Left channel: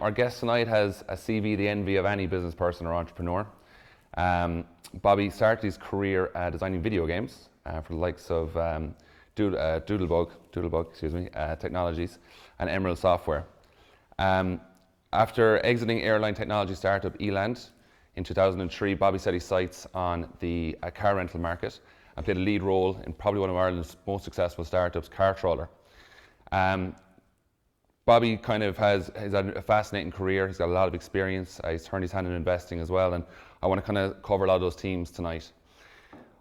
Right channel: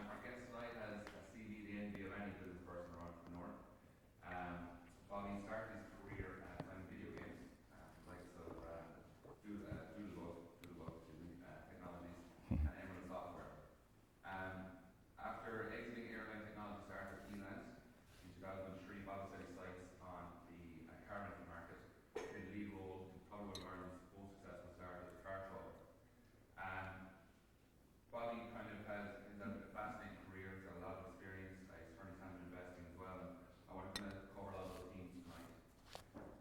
Our guest tonight has a CV, the envy of any business person or entrepreneur. Bobby started his career designing video games for the likes of Doodlebug, Technologies and Emerald Software. After exiting airline technology startup Eland in 2003, Bobby set his sights on the car rental market and played a lead role in probably one of Ireland's most successful startups, CarTrawler. Bobby kind of has had a fascinating career. He's got a lot of experience. He's turned his hand in investing as well, and I want to kind of cover a lot of those themes tonight.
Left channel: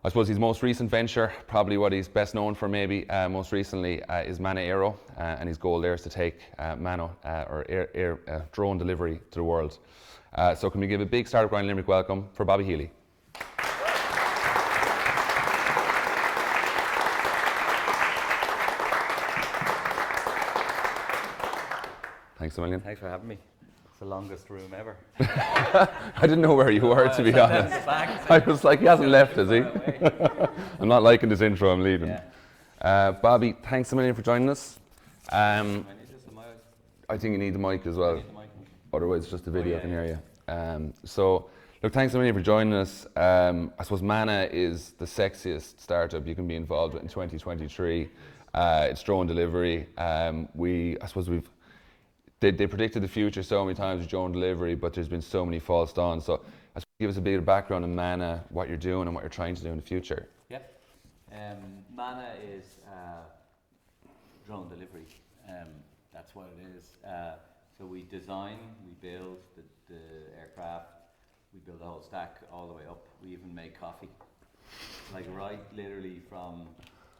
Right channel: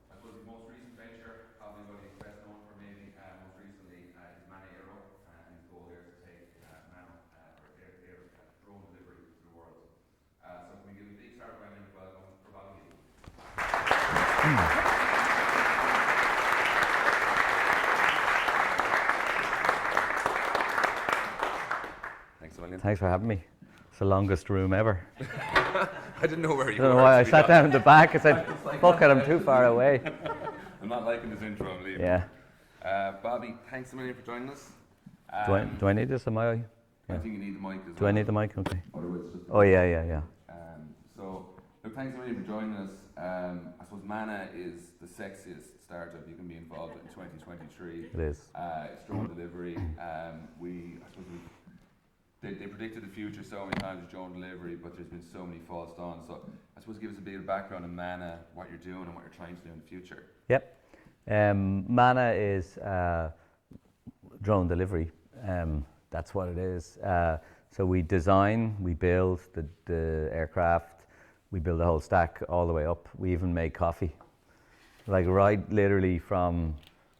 I suppose his most recent venture, probably what he's best known for maybe most recently, is Manna Aero, and his goal there is to take Manna, or drone delivery to the world. So can we give a big Startup Grind Limerick welcome for Bobby Healy. Thanks a million. Thanks for having me. It's the longest room ever. I didn't know where you were, to be honest. I sat down in the back. I said, I was like, fucking left, too is far he? away. I'm not liking this intro, I'm leaving. Yeah. Bobby, thanks a million for joining us. Do I need this? Am I think you need the mic as Do well. I need the mic? Okay. Otherwise, it's just a Oh, video. yeah. So, look, thanks a million for joining us. I suppose Manna is the sexiest startup you can be involved with in 2023. It is. It's drone delivery. They predicted the future so many times with drone delivery, but there's been so many false dawns. So I suppose give us a bit of background on Manna, what you're doing and what you're trying to do in the future. Yep. Manna is drone delivery. That's what it is. So we design, we build the aircraft, we build the whole stack all the way up. We even make coffee. Like right literally from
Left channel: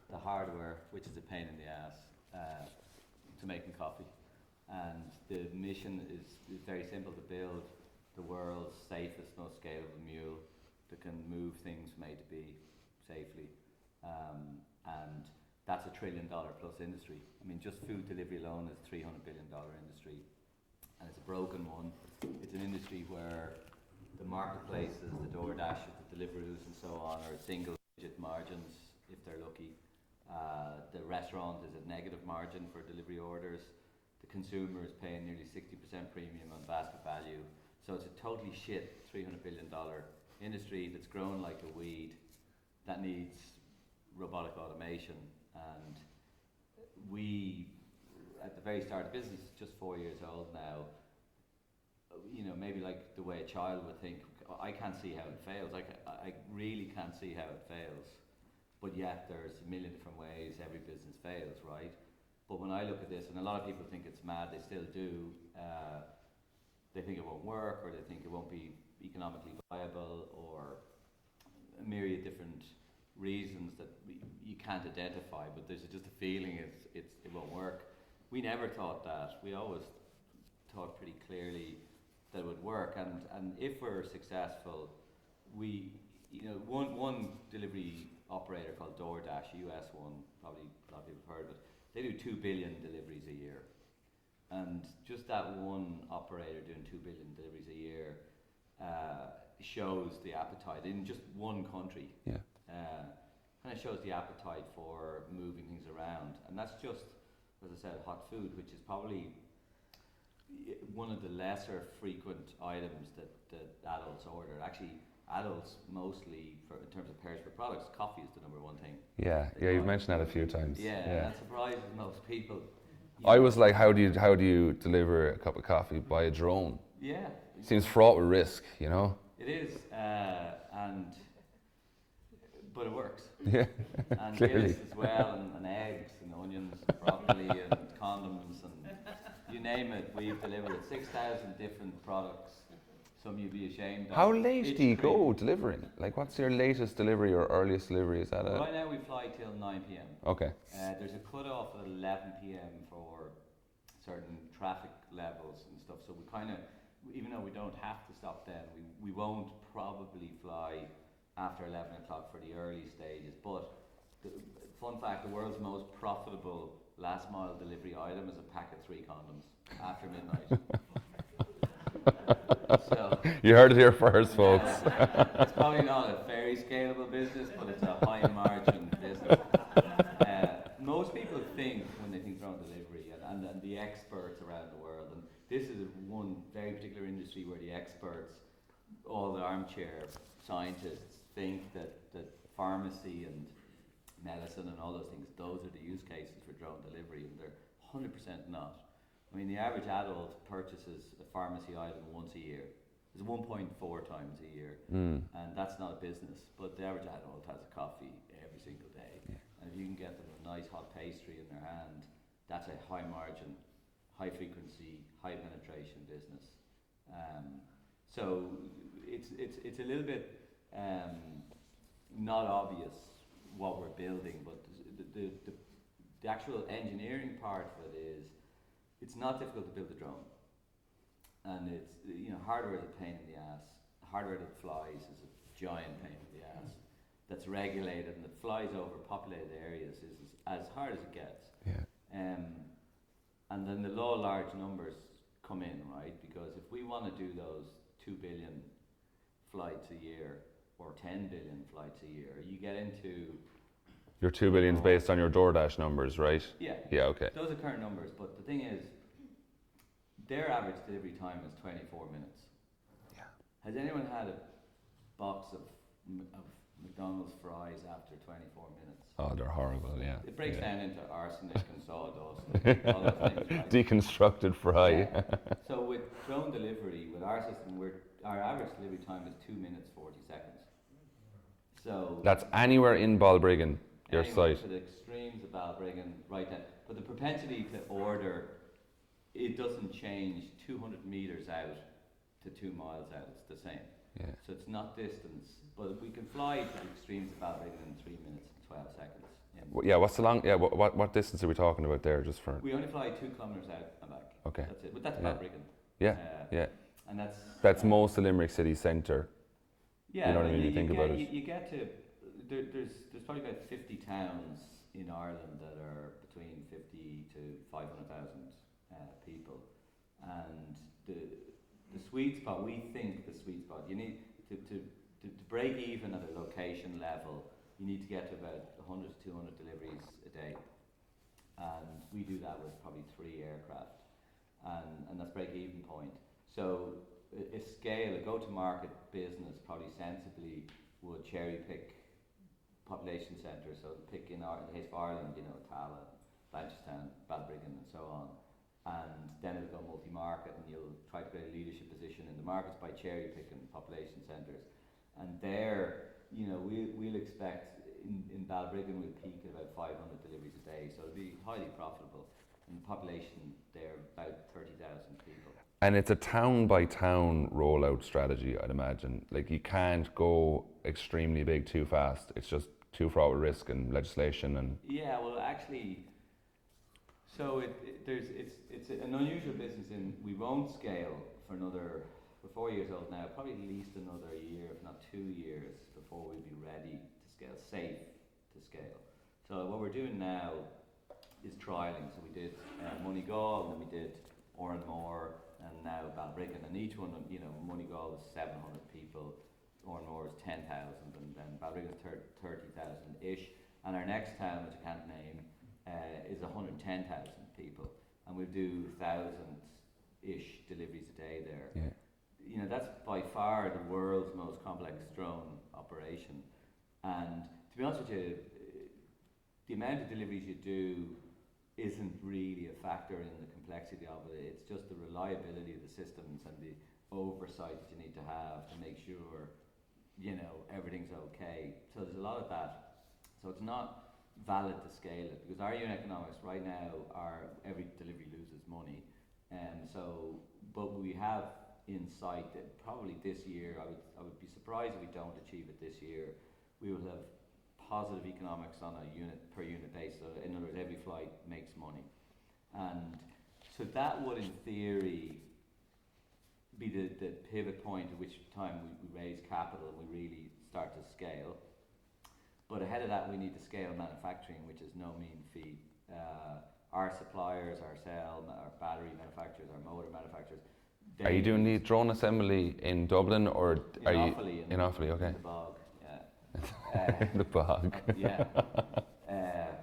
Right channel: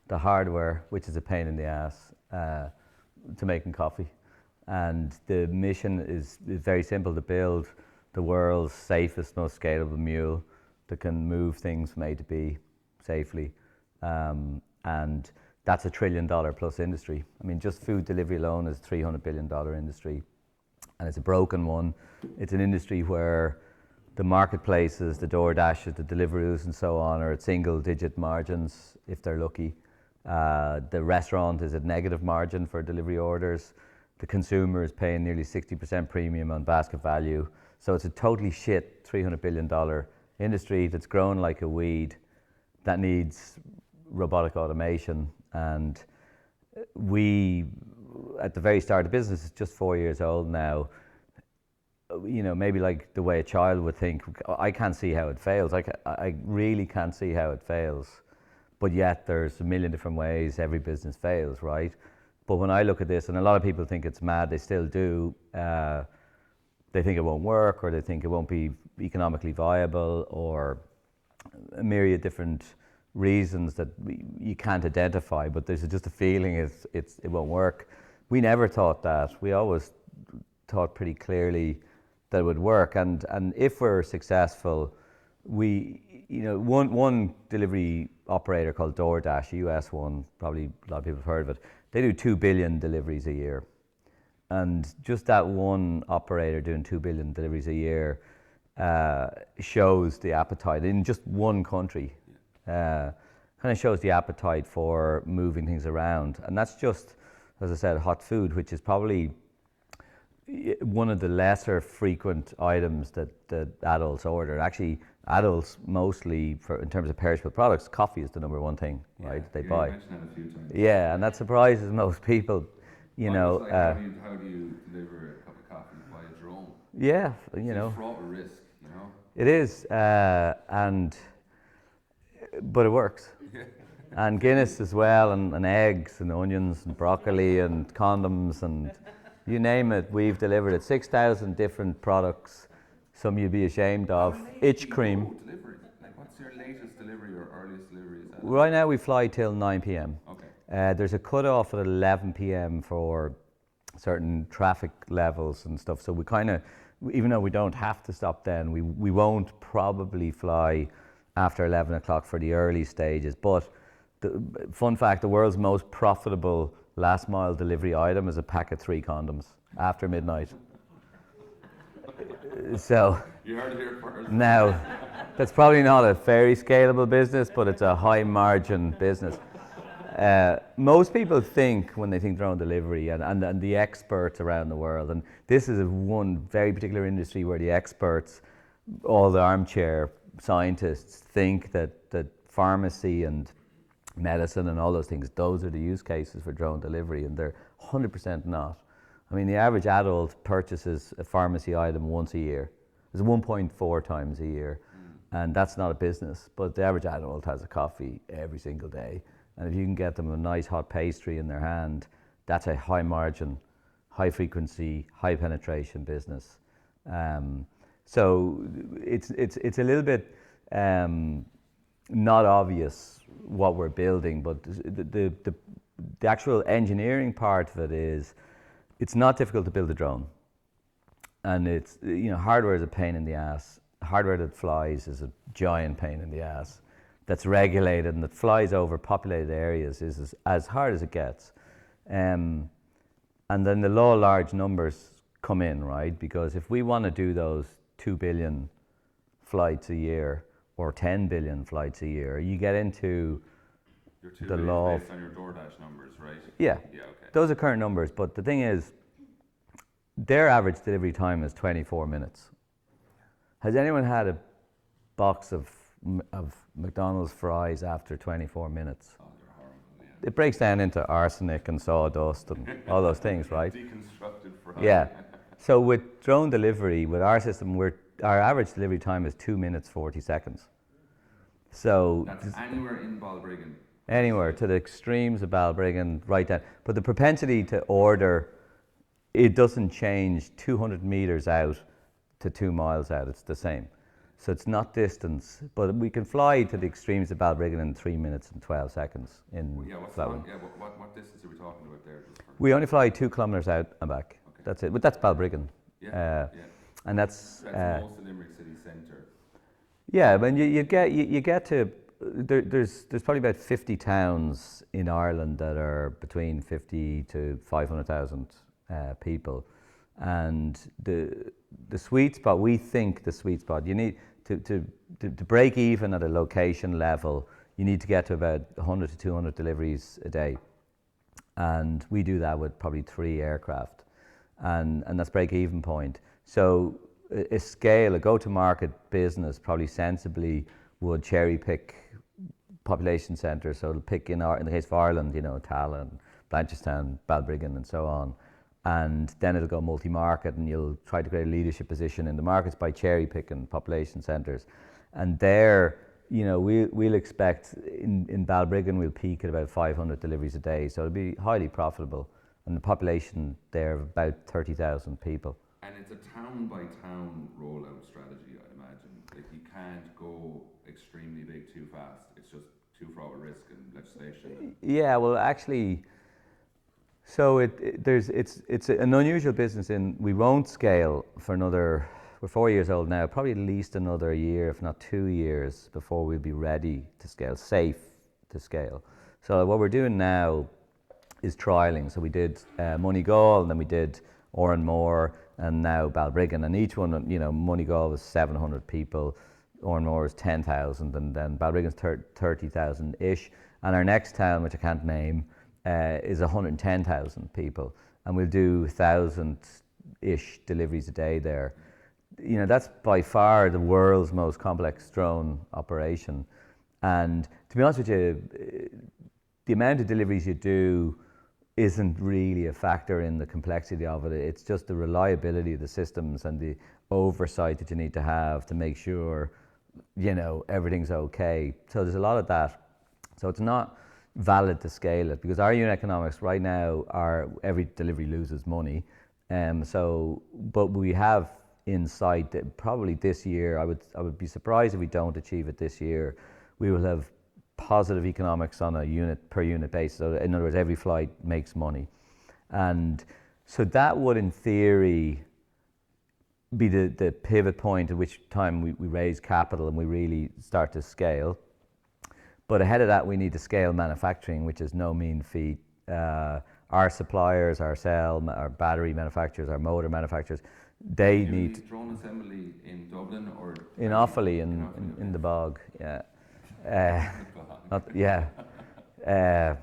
the hardware, which is a pain in the ass, to making coffee. And the mission is very simple: to build the world's safest, most scalable mule that can move things from A to B safely. And that's $1 trillion plus industry. I mean, just food delivery alone is a $300 billion industry. And it's a broken one. It's an industry where the marketplaces, the DoorDashes, the Deliveroos and so on are at single digit margins if they're lucky. The restaurant is at negative margin for delivery orders. The consumer is paying nearly 60% premium on basket value. So it's a totally shit $300 billion industry that's grown like a weed that needs robotic automation. And we, at the very start of the business, it's just 4 years old now. You know, maybe like the way a child would think, I can't see how it fails. I really can't see how it fails. But yet there's a million different ways every business fails, right? But when I look at this, and a lot of people think it's mad, they still do, they think it won't work, or they think it won't be economically viable, or a myriad different reasons that you can't identify, but there's just a feeling it won't work. We never thought that. We always thought pretty clearly that it would work, and if we're successful, one delivery operator called DoorDash, a US one, probably a lot of people have heard of it, they do 2 billion deliveries a year. And just that one operator doing 2 billion deliveries a year shows the appetite in just one country. Yeah. Kind of shows the appetite for moving things around. And that's just, as I said, hot food, which is probably one of the lesser frequent items that adults order. Actually, adults mostly, in terms of perishable products, coffee is the number one thing. Yeah, right, they you buy. mentioned that a few times. Yeah, and that surprises most people. I was like, how do you deliver a cup of coffee by a drone? Yeah, Seems fraught with risk, you know. It is, but it works. Yeah. And Guinness as well, and eggs and onions and broccoli and condoms and you name it, we've delivered it. 6,000 different products. Some you'd be ashamed of. How late do you go delivering? Like, what's your latest delivery or earliest delivery? Is that right now we fly till 9 p.m. Okay. There's a cut-off at 11 p.m. for certain traffic levels and stuff. So we kind of, even though we don't have to stop then, we won't probably fly after 11 o'clock for the early stages. But the fun fact, the world's most profitable last mile delivery item is a pack of 3 condoms after midnight. So You heard it here first, now, folks. it's probably not a very scalable business, but it's a high margin business. Most people think, when they think drone delivery, and the experts around the world, and this is one very particular industry where the experts, all the armchair scientists, think that pharmacy and medicine and all those things, those are the use cases for drone delivery, and they're 100% not. I mean, the average adult purchases a pharmacy item once a year. It's 1.4 times a year, and that's not a business. But the average adult has a coffee every single day, and if you can get them a nice hot pastry in their hand, that's a high margin, high frequency, high penetration business. So it's a little bit not obvious what we're building, but the actual engineering part of it is, it's not difficult to build a drone. And it's, hardware is a pain in the ass. Hardware that flies is a giant pain in the ass. That's regulated and that flies over populated areas is as hard as it gets. Yeah. And then the law of large numbers come in, right? Because if we want to do those 2 billion flights a year or 10 billion flights a year, you get into... Your 2 billion is based on your DoorDash numbers, right? Yeah. Yeah, okay. Those are current numbers, but the thing is, their average delivery time is 24 minutes. Yeah. Has anyone had a box of McDonald's fries after 24 minutes? Oh, they're horrible, yeah. It breaks down into arsenic and sawdust and all those things, right? Deconstructed fry. Yeah. So with drone delivery, with our system, our average delivery time is 2 minutes 40 seconds. So that's anywhere in Balbriggan. Anywhere to the extremes of Balbriggan, right down. But the propensity to order, it doesn't change 200 meters out to 2 miles out. It's the same. Yeah. So it's not distance, but we can fly to the extremes of Balbriggan in 3 minutes and 12 seconds. What's the long? Yeah, what distance are we talking about there? Just for we only fly 2 kilometers out and back. Okay, that's it. But that's Balbriggan. Yeah, and that's most of Limerick city centre. Yeah, when you get to. There's probably about 50 towns in Ireland that are between 50 to 500,000 people, and the sweet spot, we think the sweet spot, you need to break even at a location level, you need to get to about 100 to 200 deliveries a day, and we do that with probably 3 aircraft, and that's break even point. So a go-to-market business probably sensibly would cherry pick population centres, so it'll pick in the case of Ireland, Tallinn, Blanchardstown, Balbriggan and so on, and then it'll go multi-market, and you'll try to create a leadership position in the markets by cherry picking population centres. And there, we'll expect in Balbriggan we'll peak at about 500 deliveries a day, so it'll be highly profitable, and the population there of about 30,000 people. And it's a town by town rollout strategy, I'd imagine. Like, you can't go extremely big too fast. It's just too fraught with risk and legislation and... Yeah, well, actually, so it's an unusual business in we won't scale for another, we're 4 years old now, probably at least another year, if not 2 years, before we'll be ready to scale, safe to scale. So what we're doing now is trialing. So we did Moneygall, and then we did Oranmore, and now Balbriggan, and each one, Moneygall was 700 people, Oranmore is 10,000, and then Balbriggan's 30,000-ish, and our next town, which I can't name, is 110,000 people, and we'll do 1,000-ish deliveries a day there. Yeah. That's by far the world's most complex drone operation, and to be honest with you, the amount of deliveries you do isn't really a factor in the complexity of it. It's just the reliability of the systems and the oversight that you need to have to make sure, everything's okay. So there's a lot of that. So it's not valid to scale it, because our unit economics right now are every delivery loses money. But we have in sight that probably this year, I would be surprised if we don't achieve it this year. We will have positive economics on a per unit basis. So in other words, every flight makes money. And so that would, in theory, be the pivot point at which time we raise capital and we really start to scale. But ahead of that, we need to scale manufacturing, which is no mean feat. Our suppliers, our battery manufacturers, our motor manufacturers, They you doing need these drone assembly in Dublin or in are you- Offaly, in Offaly, okay. in the bog, yeah. The bog. Yeah. Uh,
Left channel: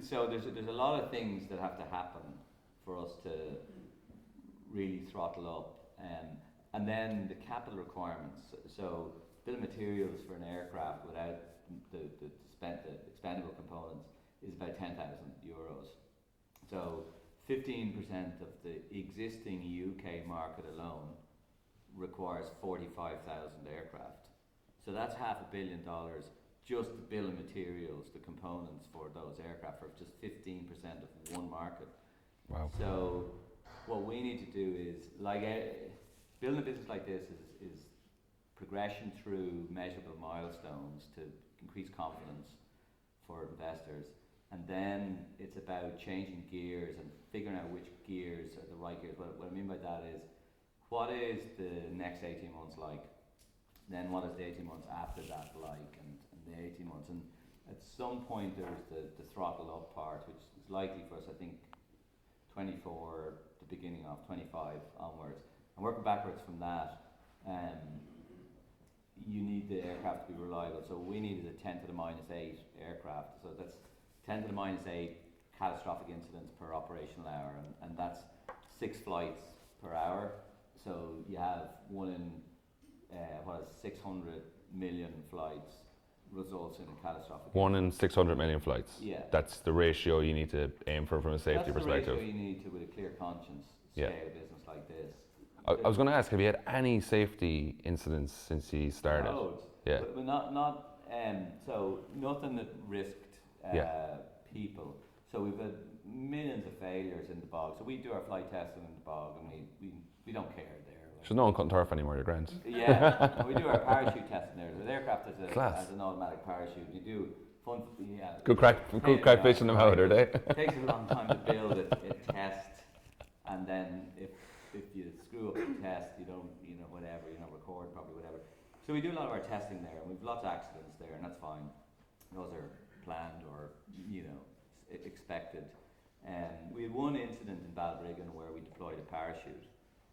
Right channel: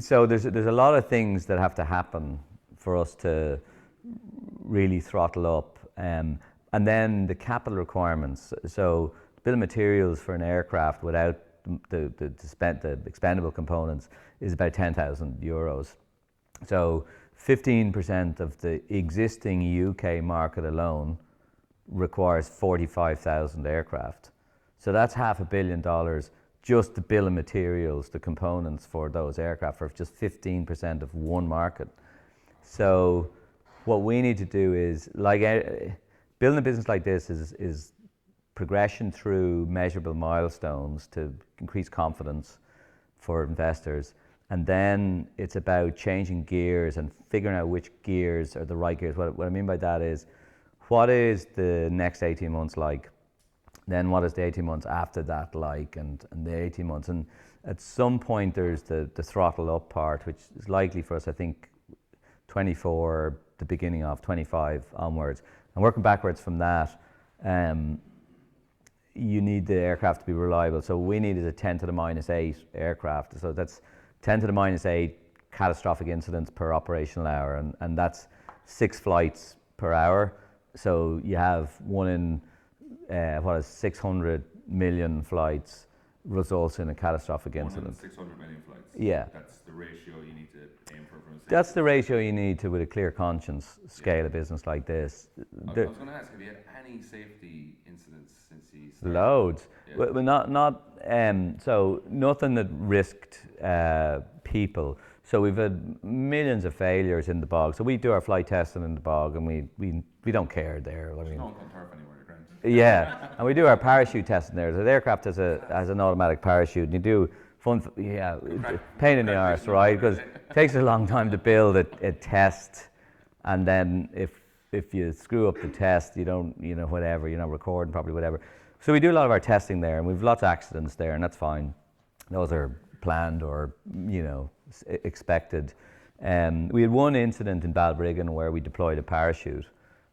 so there's a lot of things that have to happen for us to really throttle up, and then the capital requirements. So bill of materials for an aircraft without the expendable components is about €10,000. So 15% of the existing UK market alone requires 45,000 aircraft. So that's $500 million just the bill of materials, the components for those aircraft, for just 15% of one market. Wow. So what we need to do is, like, building a business like this is progression through measurable milestones to increase confidence for investors. And then it's about changing gears and figuring out which gears are the right gears. What I mean by that is, what is the next 18 months like? Then what is the 18 months after that like, and the 18 months? And at some point there's the throttle up part, which is likely for us, I think, 24, the beginning of 25 onwards. And working backwards from that, you need the aircraft to be reliable. So we needed a 10 to the minus 8 aircraft. So that's 10 to the minus 8 catastrophic incidents per operational hour. And that's 6 flights per hour. So you have one in 600 million flights results in a catastrophic incident. 1 in 600 million flights. Yeah. That's the ratio you need to aim for from a safety That's the ratio perspective. you need to, with a clear conscience, scale a business like this. I was going to ask, have you had any safety incidents since you started? Loads. Yeah. But so nothing that risked people. So we've had millions of failures in the bog. So we do our flight testing in the bog, and we don't care there. There's no one cutting turf anymore, you're grand. Yeah, and we do our parachute testing there. The aircraft has Class. has an automatic parachute, and you do fun. Good crack, pain good in the crack arse, fishing the right? water, Because it takes a long time to build a test, and then if you screw up the test, you don't, whatever, you're not recording properly, whatever. So we do a lot of our testing there, and we've lots of accidents there, and that's fine. Those are planned or expected. We had one incident in Balbriggan where we deployed a parachute,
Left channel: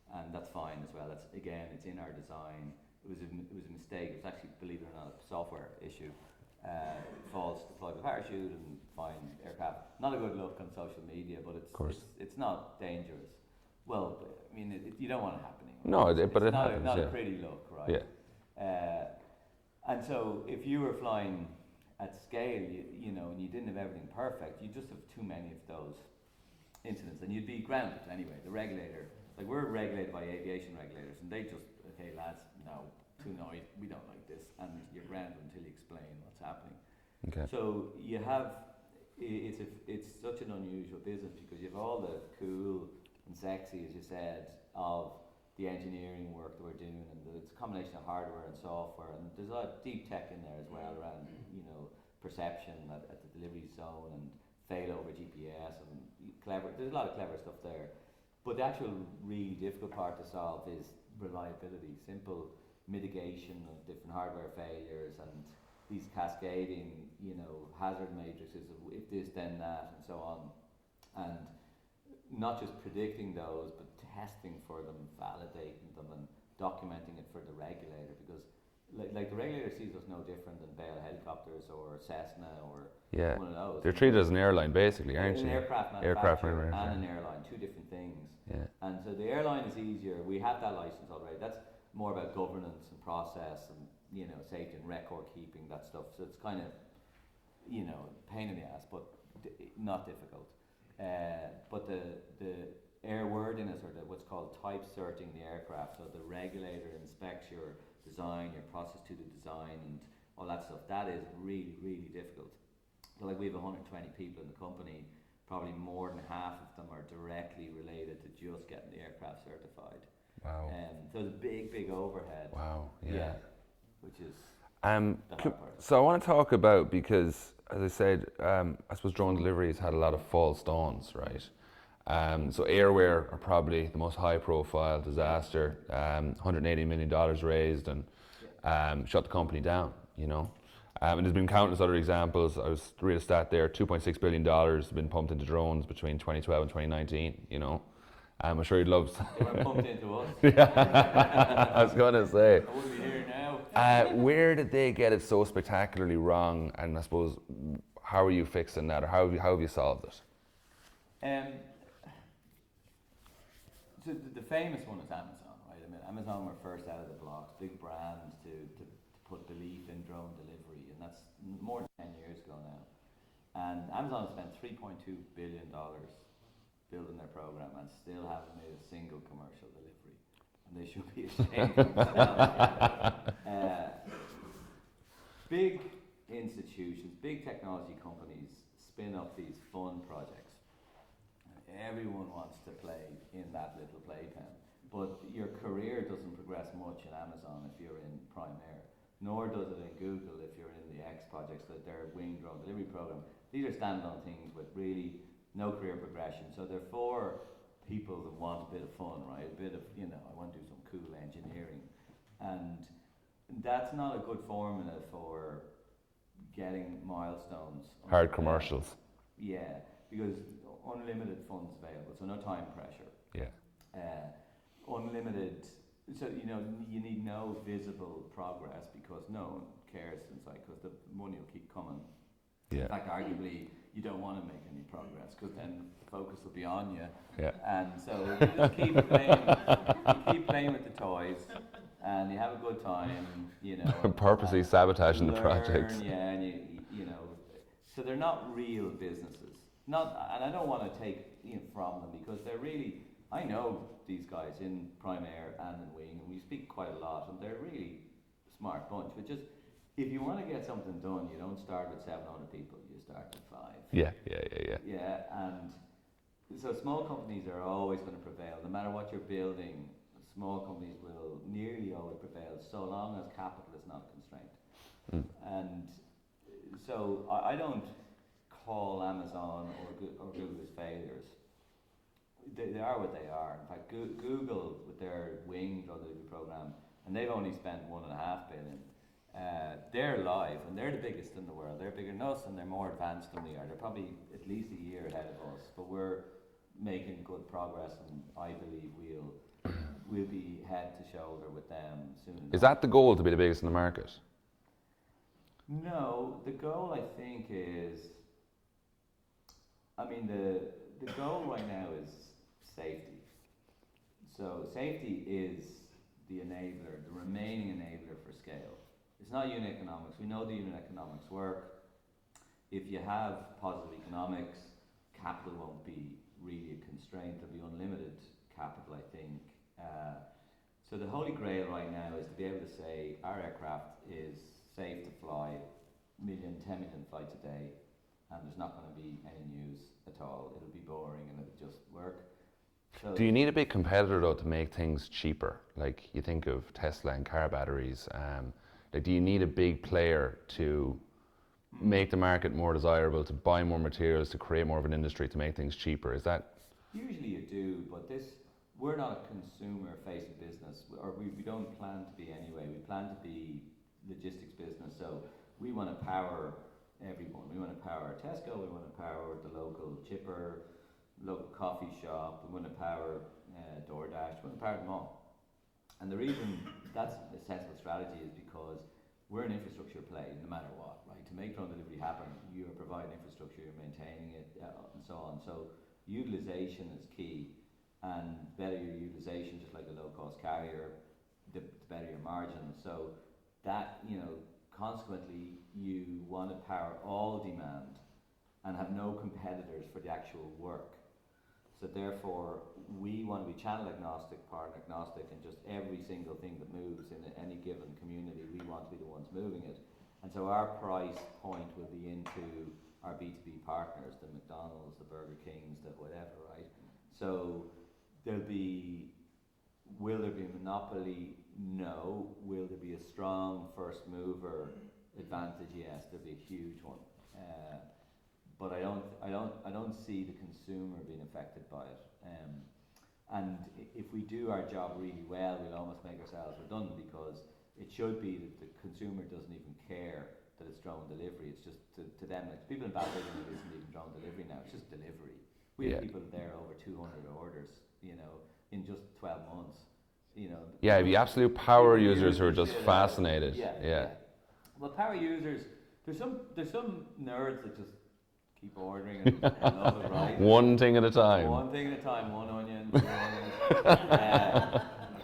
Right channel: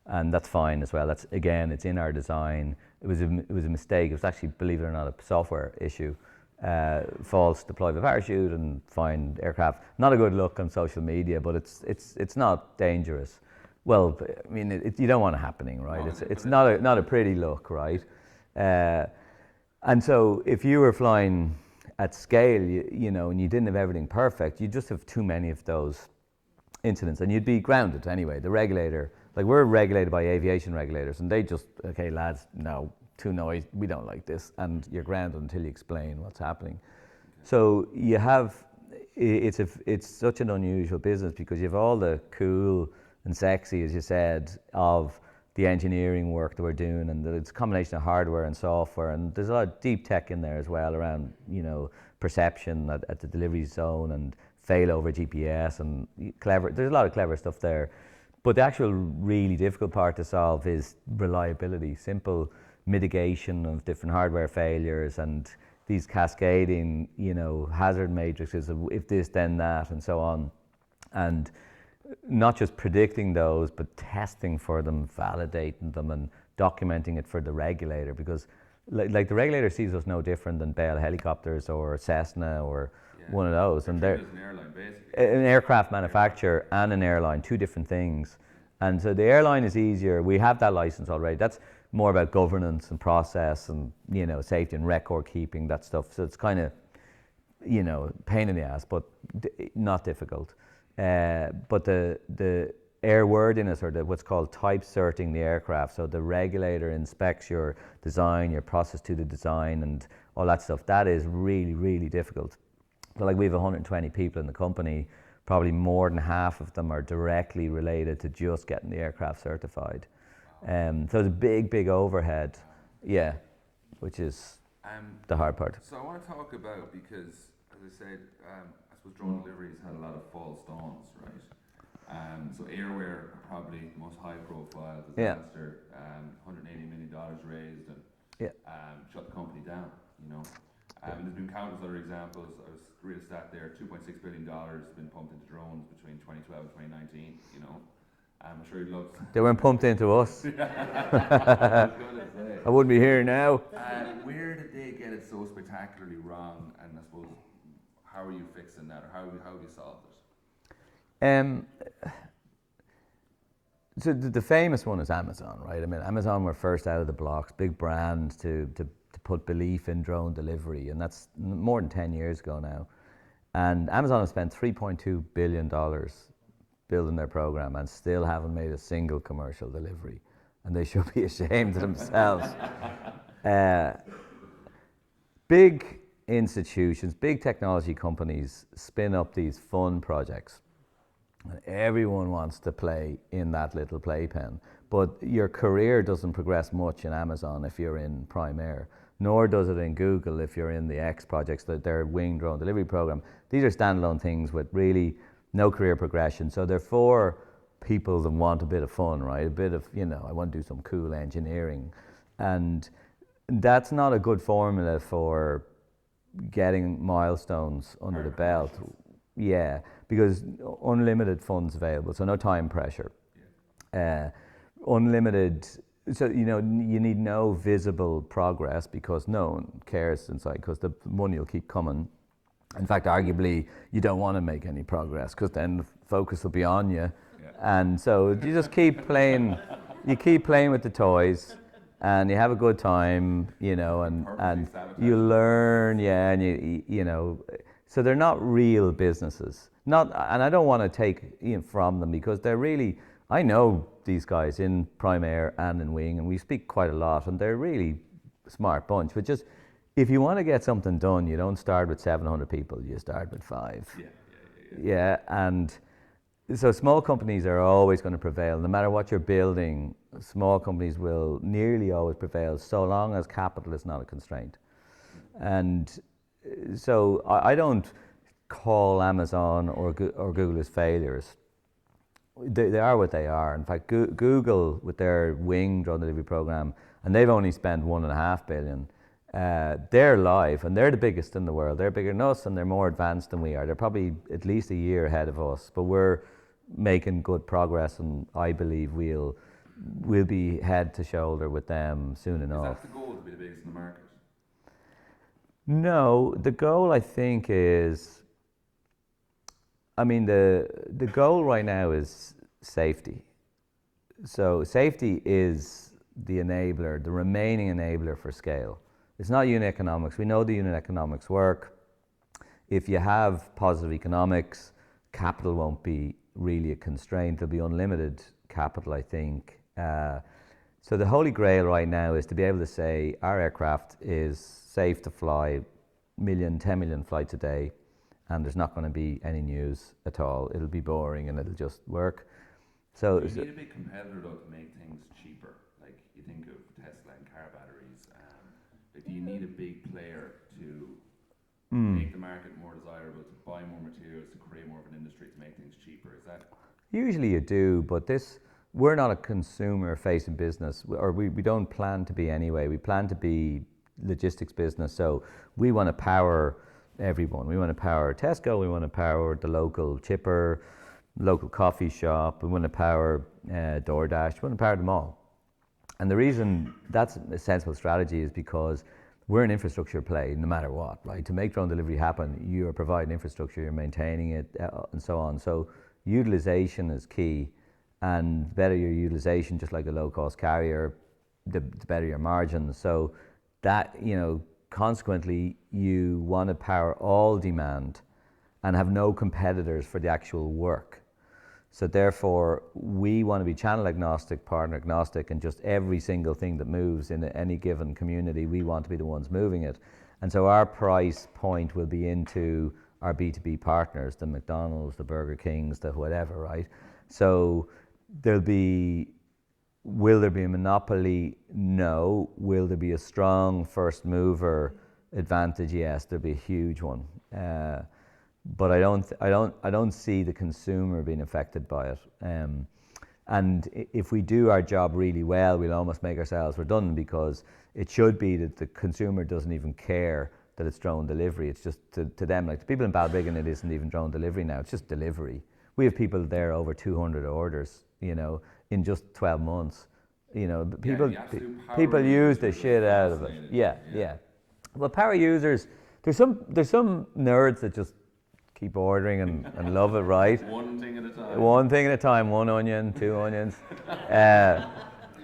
and that's fine as well. That's, again, it's in our design. It was a mistake. It was actually, believe it or not, a software issue. False deploy of a parachute and find aircraft. Not a good look on social media, but it's not dangerous. Well, I mean, you don't want it happening, right? No, it's not a pretty look, right? Yeah. And so if you were flying at scale, and you didn't have everything perfect, you just have too many of those incidents, and you'd be grounded anyway. The regulator, like, we're regulated by aviation regulators, and they just, okay, lads, no, too noise, we don't like this, and you're grounded until you explain what's happening. Okay. So you have, it's such an unusual business because you have all the cool and sexy, as you said, of the engineering work that we're doing, and it's a combination of hardware and software, and there's a lot of deep tech in there as well around, perception at the delivery zone and failover GPS and there's a lot of clever stuff there. But the actual really difficult part to solve is reliability, simple mitigation of different hardware failures and these cascading, hazard matrices of if this, then that, and so on. And not just predicting those, but testing for them, validating them, and documenting it for the regulator, because like the regulator sees us no different than Bell helicopters or Cessna or one of those. They're treated as an airline, basically. An aircraft manufacturer and an airline, two different things. Yeah. And so the airline is easier. We have that license already. That's more about governance and process and, safety and record keeping, that stuff. So it's kind of, pain in the ass, but not difficult. But the airworthiness, or what's called type certing the aircraft, so the regulator inspects your design, your process to the design, and all that stuff. That is really, really difficult. So, like, we have 120 people in the company. Probably more than half of them are directly related to just getting the aircraft certified. Wow. So it's a big, big overhead. Wow. Yeah, which is the hard part. So I want to talk about, because, as I said, I suppose drone delivery has had a lot of false dawns, right? So Airware are probably the most high-profile disaster. $180 million raised and shut the company down. And there's been countless other examples. I was read a stat there: $2.6 billion has been pumped into drones between 2012 and 2019. I'm sure he'd love. They weren't pumped into us. I was going to say. I wouldn't be here now. Where did they get it so spectacularly wrong? And I suppose, how are you fixing that, or how have you solved it? So the famous one is Amazon, right? I mean, Amazon were first out of the blocks, big brand to put belief in drone delivery, and that's more than 10 years ago now. And Amazon has spent $3.2 billion building their program and still haven't made a single commercial delivery. And they should be ashamed of themselves. Big institutions, big technology companies spin up these fun projects. And everyone wants to play in that little playpen. But your career doesn't progress much in Amazon if you're in Prime Air, nor does it in Google if you're in the X projects, their wing drone delivery program. These are standalone things with really no career progression. So they're for people that want a bit of fun, right? A bit of, I want to do some cool engineering. And that's not a good formula for getting milestones under Hard the belt. commercials. Yeah, because unlimited funds available, so no time pressure. Yeah. Unlimited, so you need no visible progress because no one cares inside because the money will keep coming. Yeah. In fact, arguably, you don't want to make any progress because then the focus will be on you. Yeah. And so you just keep playing, you keep playing with the toys and you have a good time, and purposely sabotaging you learn, and so they're not real businesses. And I don't want to take from them because they're really, I know these guys in Prime Air and in Wing, and we speak quite a lot, and they're a really smart bunch. But just, if you want to get something done, you don't start with 700 people, you start with 5. Yeah. Yeah, and so small companies are always going to prevail. No matter what you're building, small companies will nearly always prevail so long as capital is not a constraint. And so I don't call Amazon or Google as failures. They are what they are. In fact, Google with their Wing drone delivery program, and they've only spent $1.5 billion. They're live, and they're the biggest in the world. They're bigger than us, and they're more advanced than we are. They're probably at least a year ahead of us, but we're making good progress, and I believe we'll be head to shoulder with them soon enough. Is that the goal, to be the biggest in the market? No, the goal I think is, the goal right now is safety. So safety is the enabler, the remaining enabler for scale. It's not unit economics. We know the unit economics work. If you have positive economics, capital won't be really a constraint. There'll be unlimited capital, I think. So the holy grail right now is to be able to say our aircraft is safe to fly 10 million flights a day, and there's not going to be any news at all. It'll be boring and it'll just work. So do you need a big competitor though to make things cheaper? Like you think of Tesla and car batteries. Do you need a big player to make the market more desirable, to buy more materials, to create more of an industry, to make things cheaper? Is that? Usually you do, but we're not a consumer-facing business, or we don't plan to be anyway. We plan to be logistics business, so we want to power everyone. We want to power Tesco, we want to power the local chipper, local coffee shop, we want to power DoorDash, we want to power them all. And the reason that's a sensible strategy is because we're an infrastructure play no matter what, right? To make drone delivery happen, you are providing infrastructure, you're maintaining it, and so on. So utilization is key, and the better your utilization, just like a low-cost carrier, the better your margins. So that, consequently, you want to power all demand and have no competitors for the actual work. So therefore, we want to be channel agnostic, partner agnostic, and just every single thing that moves in any given community, we want to be the ones moving it. And so our price point will be into our B2B partners, the McDonald's, the Burger Kings, the whatever, right? So will there be a monopoly? No. Will there be a strong first mover advantage? Yes, there'll be a huge one. But I don't see the consumer being affected by it. And if we do our job really well, we'll almost make ourselves redundant, because it should be that the consumer doesn't even care that it's drone delivery. It's just to them, like the people in Balbriggan, it isn't even drone delivery now. It's just delivery. We have people there over 200 orders, you know, in just 12 months. You know, Yeah, people, the absolute power people users use who are the just shit out of it. fascinated. Yeah, Yeah. yeah. Well, power users, there's some nerds that just keep ordering and love it, right? One thing at a time. One thing at a time, one onion, two onions.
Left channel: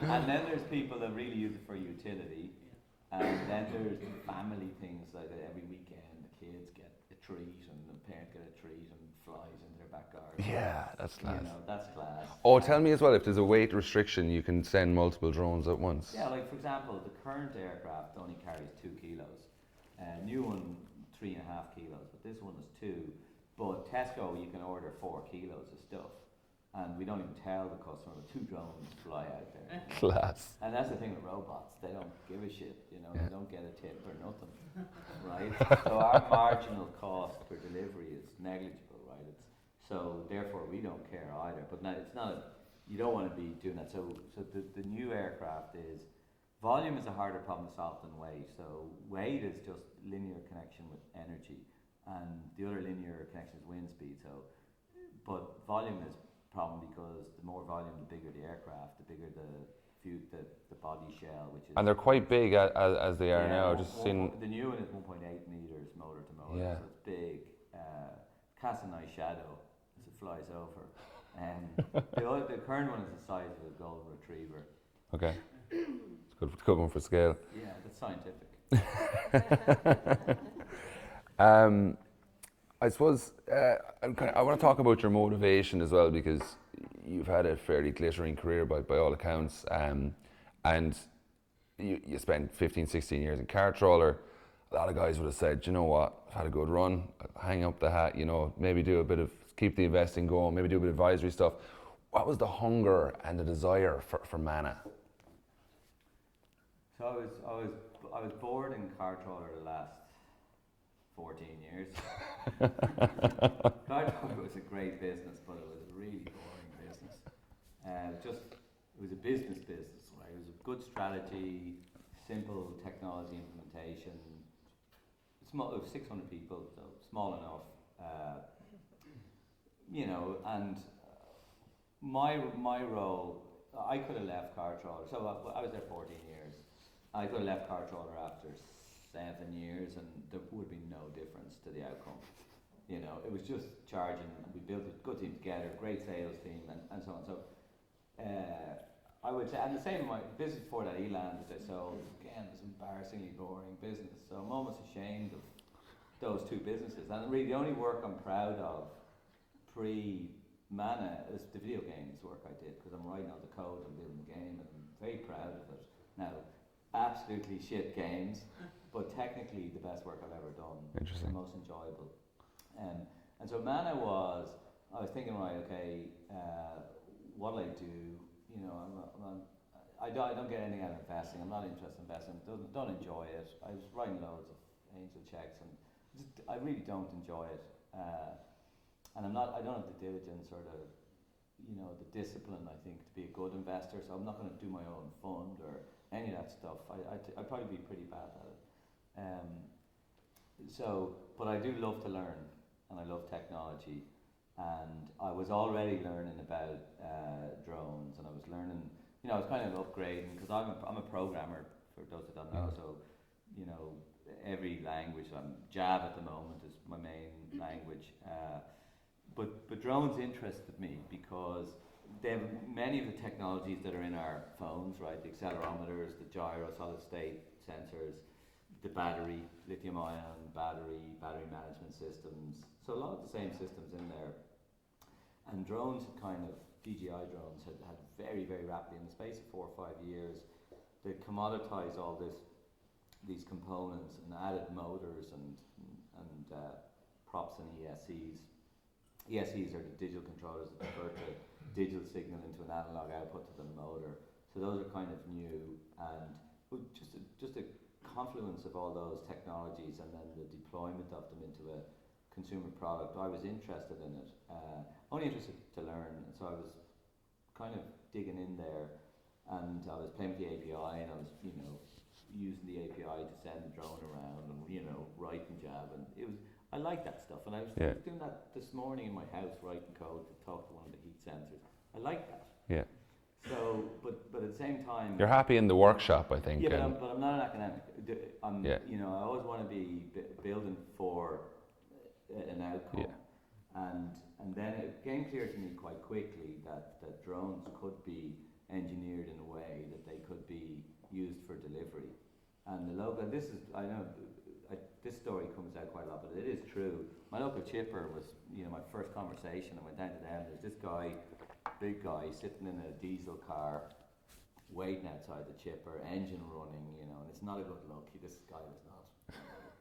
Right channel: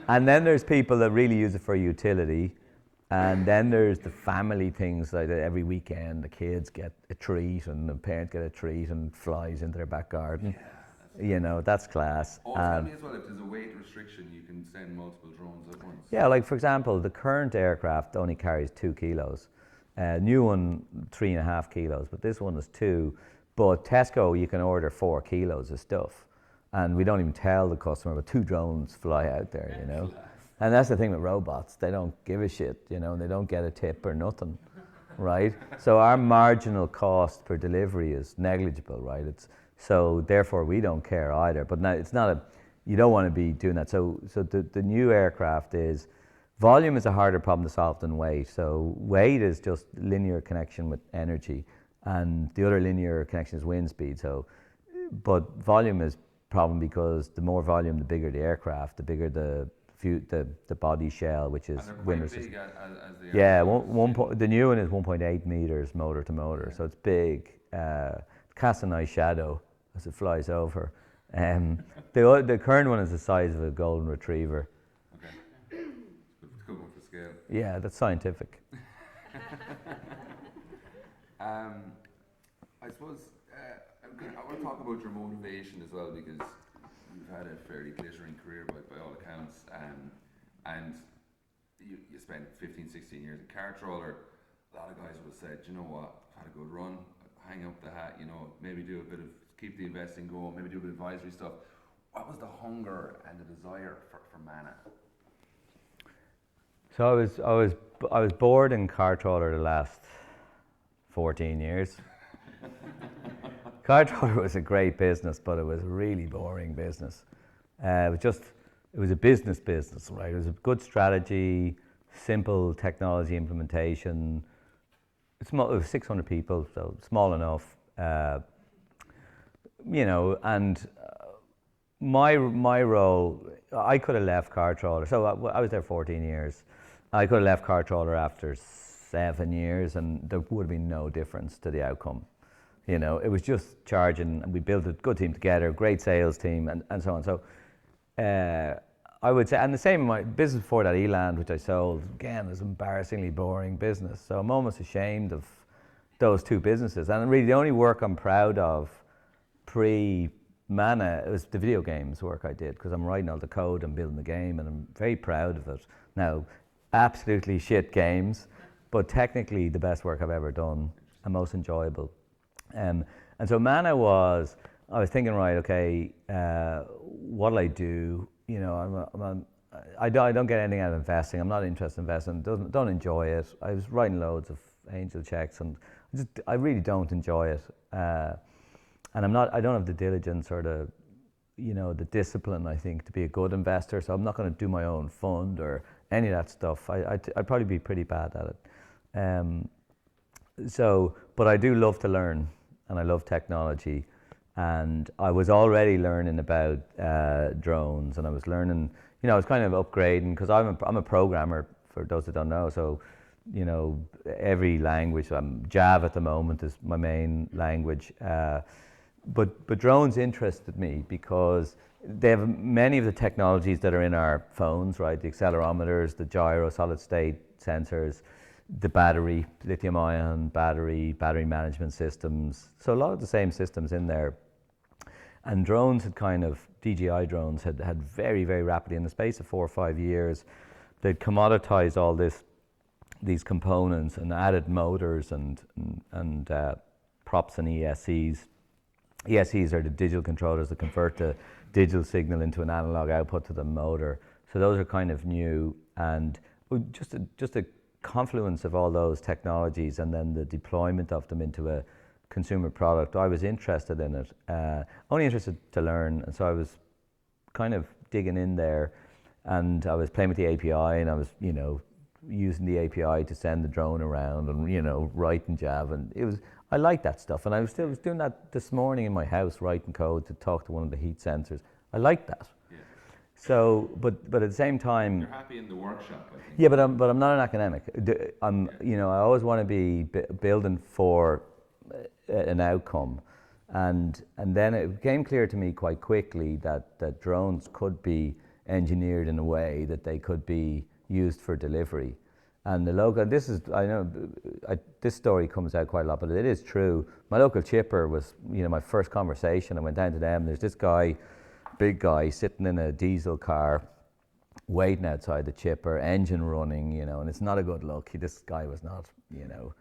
And then there's people that really use it for utility. And then there's the family things, like that every weekend the kids get a treat and the parents get a treat and flies into their back garden. Yeah, that's nice. You know, that's class. Oh, tell me as well, if there's a weight restriction, you can send multiple drones at once. Yeah, like for example, the current aircraft only carries 2 kilos. New one, 3.5 kilos, but this one is 2. But Tesco, you can order 4 kilos of stuff. And we don't even tell the customer, but 2 drones fly out there, you know. Class. And that's the thing with robots, they don't give a shit, you know, and they don't get a tip or nothing, right? So our marginal cost per delivery is negligible, right? So therefore we don't care either. But now it's not you don't want to be doing that. So the new aircraft is, volume is a harder problem to solve than weight. So weight is just linear connection with energy, and the other linear connection is wind speed. So, but volume is problem because the more volume, the bigger the aircraft, the bigger the body shell, which is. And they're quite big as they are. Yeah, the new one is 1.8 meters motor to motor, Yeah. so it's big. Casts a nice shadow as it flies over. The current one is the size of a golden retriever. Okay. It's good one for scale. Yeah, that's scientific. I suppose I want to talk about your motivation as well, because you've had a fairly glittering career by all accounts, and you spent 15, 16 years in car trawler. A lot of guys would have said, you know what, I've had a good run, hang up the hat, you know, maybe do a bit of, keep the investing going, maybe do a bit of advisory stuff. What was the hunger and the desire for Manna? So I was bored in car trawler the last 14 years. Car trawler was a great business, but it was a really boring business. It was a business, right? It was a good strategy, simple technology implementation. It was 600 people, so small enough. You know, and my role, I could have left car trawler. So I was there 14 years. I could have left car trawler after 7 years, and there would have been no difference to the outcome. You know, it was just charging, and we built a good team together, great sales team, and so on. So I would say, and the same in my business before that, Eland, which I sold, again, was embarrassingly boring business. So I'm almost ashamed of those 2 businesses. And really the only work I'm proud of pre-Manna was the video games work I did, because I'm writing all the code and building the game, and I'm very proud of it. Now, absolutely shit games, but technically the best work I've ever done and most enjoyable. And so Manna was, I was thinking, right, okay, what'll I do? You know, I don't get anything out of investing. I'm not interested in investing. Don't enjoy it. I was writing loads of angel checks, and I really don't enjoy it. And I don't have the diligence or the, you know, the discipline, I think, to be a good investor. So I'm not going to do my own fund or any of that stuff. I'd probably be pretty bad at it. But I do love to learn, and I love technology. And I was already learning about drones, and I was learning, you know, I was kind of upgrading, because I'm a programmer, for those that don't know. So, you know, every language, Java at the moment is my main language. But drones interested me because they have many of the technologies that are in our phones, right? The accelerometers, the gyro, solid state sensors, the battery, lithium ion battery management systems. So a lot of the same systems in there. And drones had DJI drones had very, very rapidly, in the space of 4 or 5 years, they'd commoditized all these components and added motors and props and ESCs. ESCs are the digital controllers that convert the digital signal into an analog output to the motor. So those are kind of new, and just a confluence of all those technologies, and then the deployment of them into a consumer product. I was interested in it, only interested to learn, and so I was kind of digging in there, and I was playing with the API, and I was, you know, using the API to send the drone around, and, you know, writing Java, and I like that stuff, and I was doing that this morning in my house, writing code to talk to one of the heat sensors. I like that. Yeah. So, but at the same time, You're happy in the workshop, I think. yeah, but I'm not an academic. You know, I always want to be building for an outcome, and then it became clear to me quite quickly that drones could be engineered in a way that they could be used for delivery. And the local, I know, this story comes out quite a lot, but it is true. My local chipper was, you know, my first conversation. I went down to them. There's this guy, big guy, sitting in a diesel car, waiting outside the chipper, engine running, you know, and it's not a good look. This guy was not, you know,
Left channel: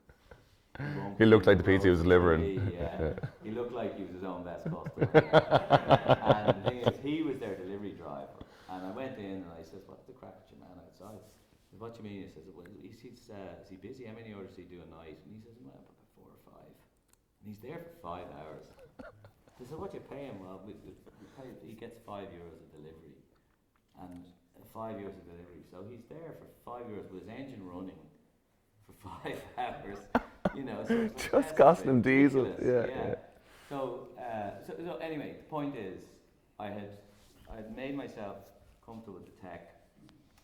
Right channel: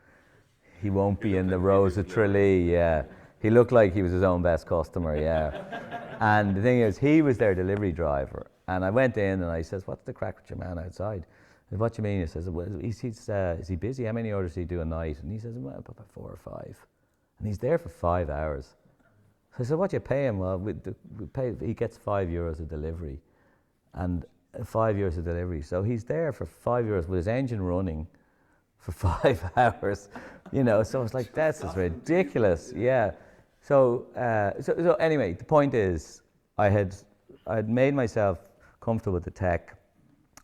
he won't be in the roads of Tralee. Yeah, he looked like he was his own best customer. Yeah, and the thing is, he was their delivery driver. And I went in and I says, "What's the crack with your man outside?" "What do you mean?" He says, "Well, is he busy? How many orders does he do a night?" And he says, "Well, about 4 or 5." And he's there for 5 hours. So I said, "What do you pay him?" "Well, we pay. He gets €5 a delivery, and €5 a delivery. So he's there for €5 with his engine running for 5 hours. You know, so it's like that's ridiculous. Yeah. So anyway, the point is, I had made myself comfortable with the tech.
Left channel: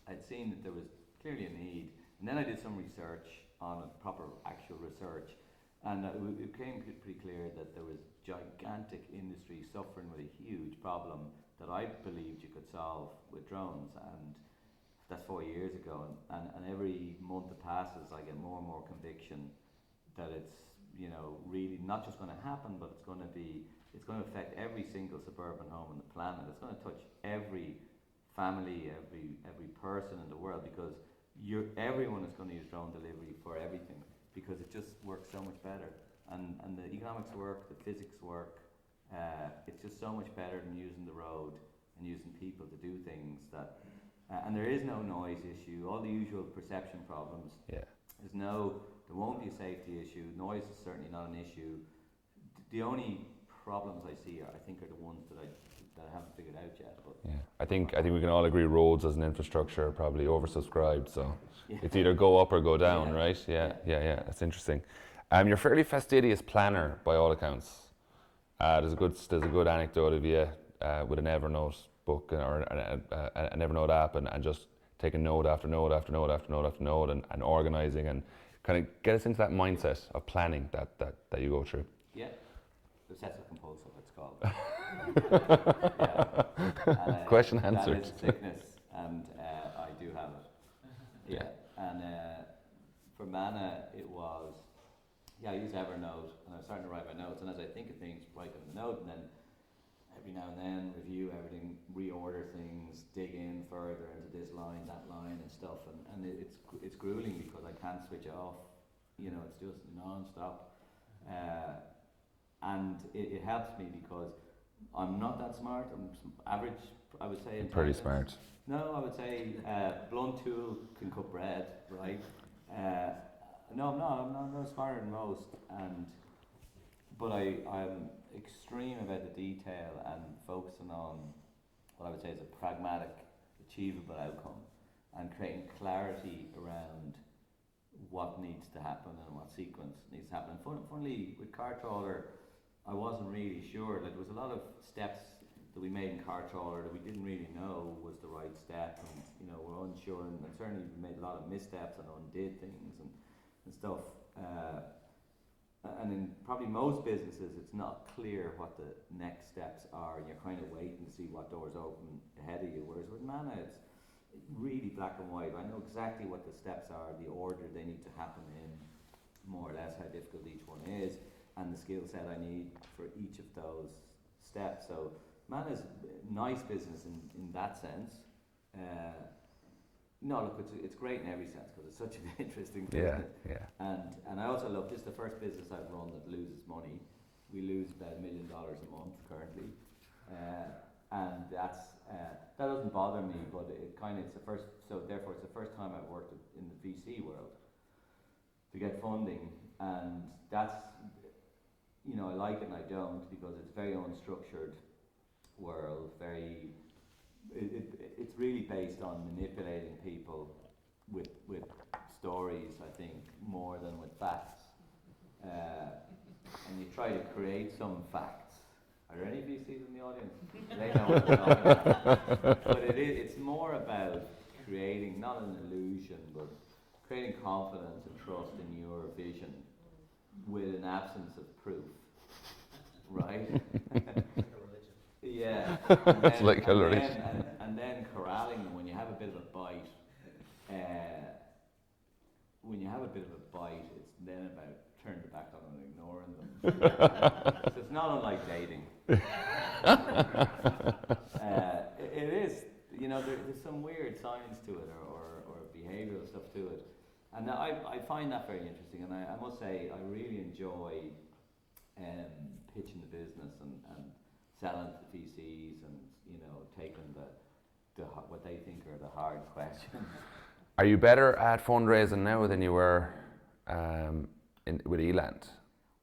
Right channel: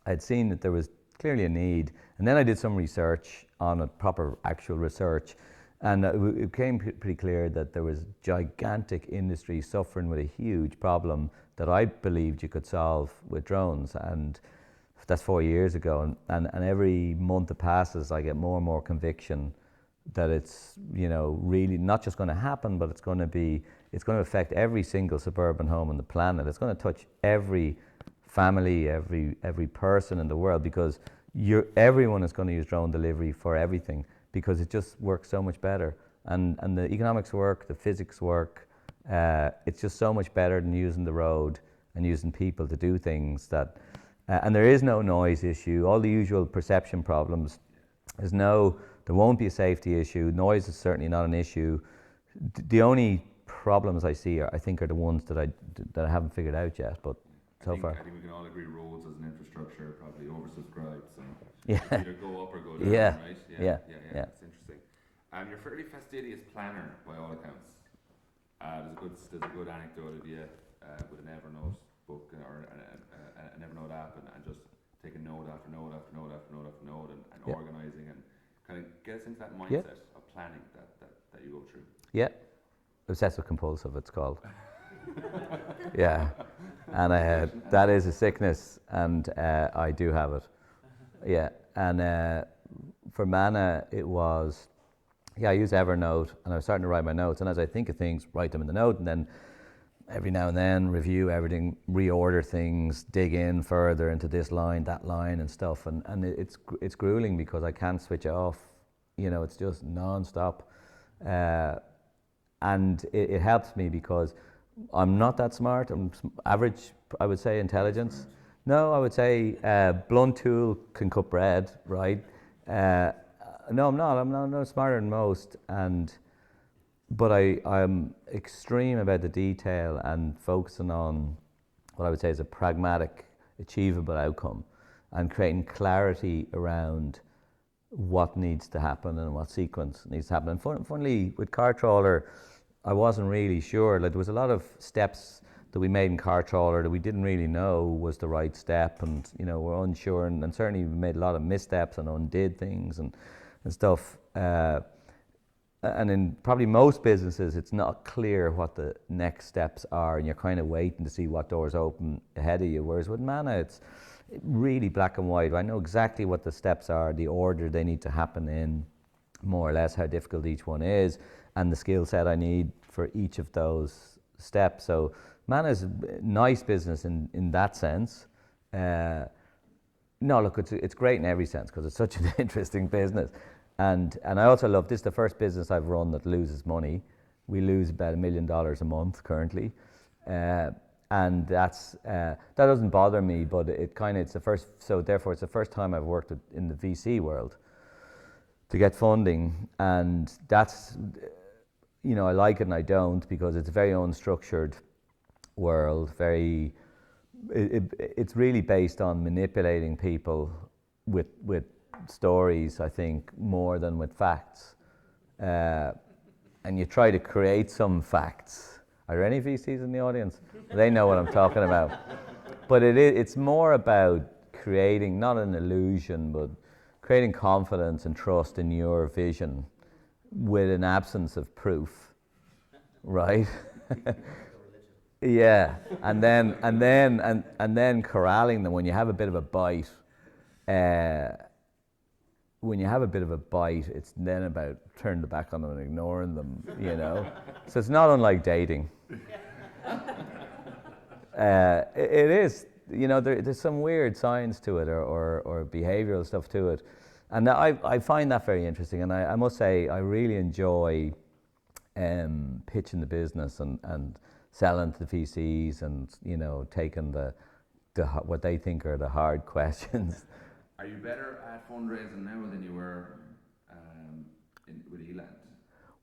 I'd seen that there was clearly a need, and then I did some research on it, proper actual research, and it became pretty clear that there was gigantic industry suffering with a huge problem that I believed you could solve with drones, and that's 4 years ago, and every month that passes I get more and more conviction that it's, you know, really not just going to happen, but it's going to affect every single suburban home on the planet. It's going to touch every family, every person in the world, because everyone is going to use drone delivery for everything, because it just works so much better, and the economics work, the physics work. It's just so much better than using the road and using people to do things that, and there is no noise issue, all the usual perception problems. There won't be a safety issue. Noise is certainly not an issue. The only problems I see I think are the ones that I haven't figured out yet. But I think we can all agree roads as an infrastructure are probably oversubscribed. So it's either go up or go down, right? Yeah. That's interesting. You're a fairly fastidious planner by all accounts. There's a good anecdote of you with an Evernote book or an Evernote app, and just taking note after note after note after note after note, and organising, and kind of get us into that mindset of planning that you go through. Yeah, obsessive compulsive it's called. Yeah, and that is a sickness, and I do have it. Yeah, and for Manna it was, I use Evernote, and I was starting to write my notes, and as I think of things, write them in the note, and then every now and then review everything, reorder things, dig in further into this line, that line and stuff, and it's grueling because I can't switch off. You know, it's just non-stop, and it helps me because I'm not that smart. I'm average, I would say, intelligence. Very smart. No, I would say blunt tool can cut bread, right? No, I'm not. I'm no smarter than most, but I'm extreme about the detail and focusing on what I would say is a pragmatic, achievable outcome, and creating clarity around what needs to happen and what sequence needs to happen. And funnily, with Car Trawler, I wasn't really sure. Like, there was a lot of steps that we made in Car Trawler that we didn't really know was the right step, and you know, we're unsure, and certainly we made a lot of missteps and undid things and stuff. And in probably most businesses, it's not clear what the next steps are, and you're kind of waiting to see what doors open ahead of you. Whereas with Manna, it's really black and white. I know exactly what the steps are, the order they need to happen in, more or less how difficult each one is, and the skill set I need for each of those steps. So Manna's a nice business in that sense. No, look, it's great in every sense because it's such an interesting business. And I also love, this is the first business I've run that loses money. We lose about $1 million a month currently. And that doesn't bother me, but it's the first, so therefore it's the first time I've worked in the VC world to get funding, and that's, you know, I like it and I don't, because it's a very unstructured world, it's really based on manipulating people with stories, I think, more than with facts. and you try to create some facts. Are there any VCs in the audience? They know what I'm talking about. But it's more about creating, not an illusion, but creating confidence and trust in your vision with an absence of proof, right? Yeah, and then Like and then corralling them when you have a bit of a bite. When you have a bit of a bite, it's then about turning the back on them and ignoring them, you know. So it's not unlike dating. It is, you know, there's some weird science to it or behavioral stuff to it. And I find that very interesting. And I must say, I really enjoy pitching the business and selling to the VCs and, you know, taking the what they think are the hard questions. Are you better at fundraising now than you were with Eland?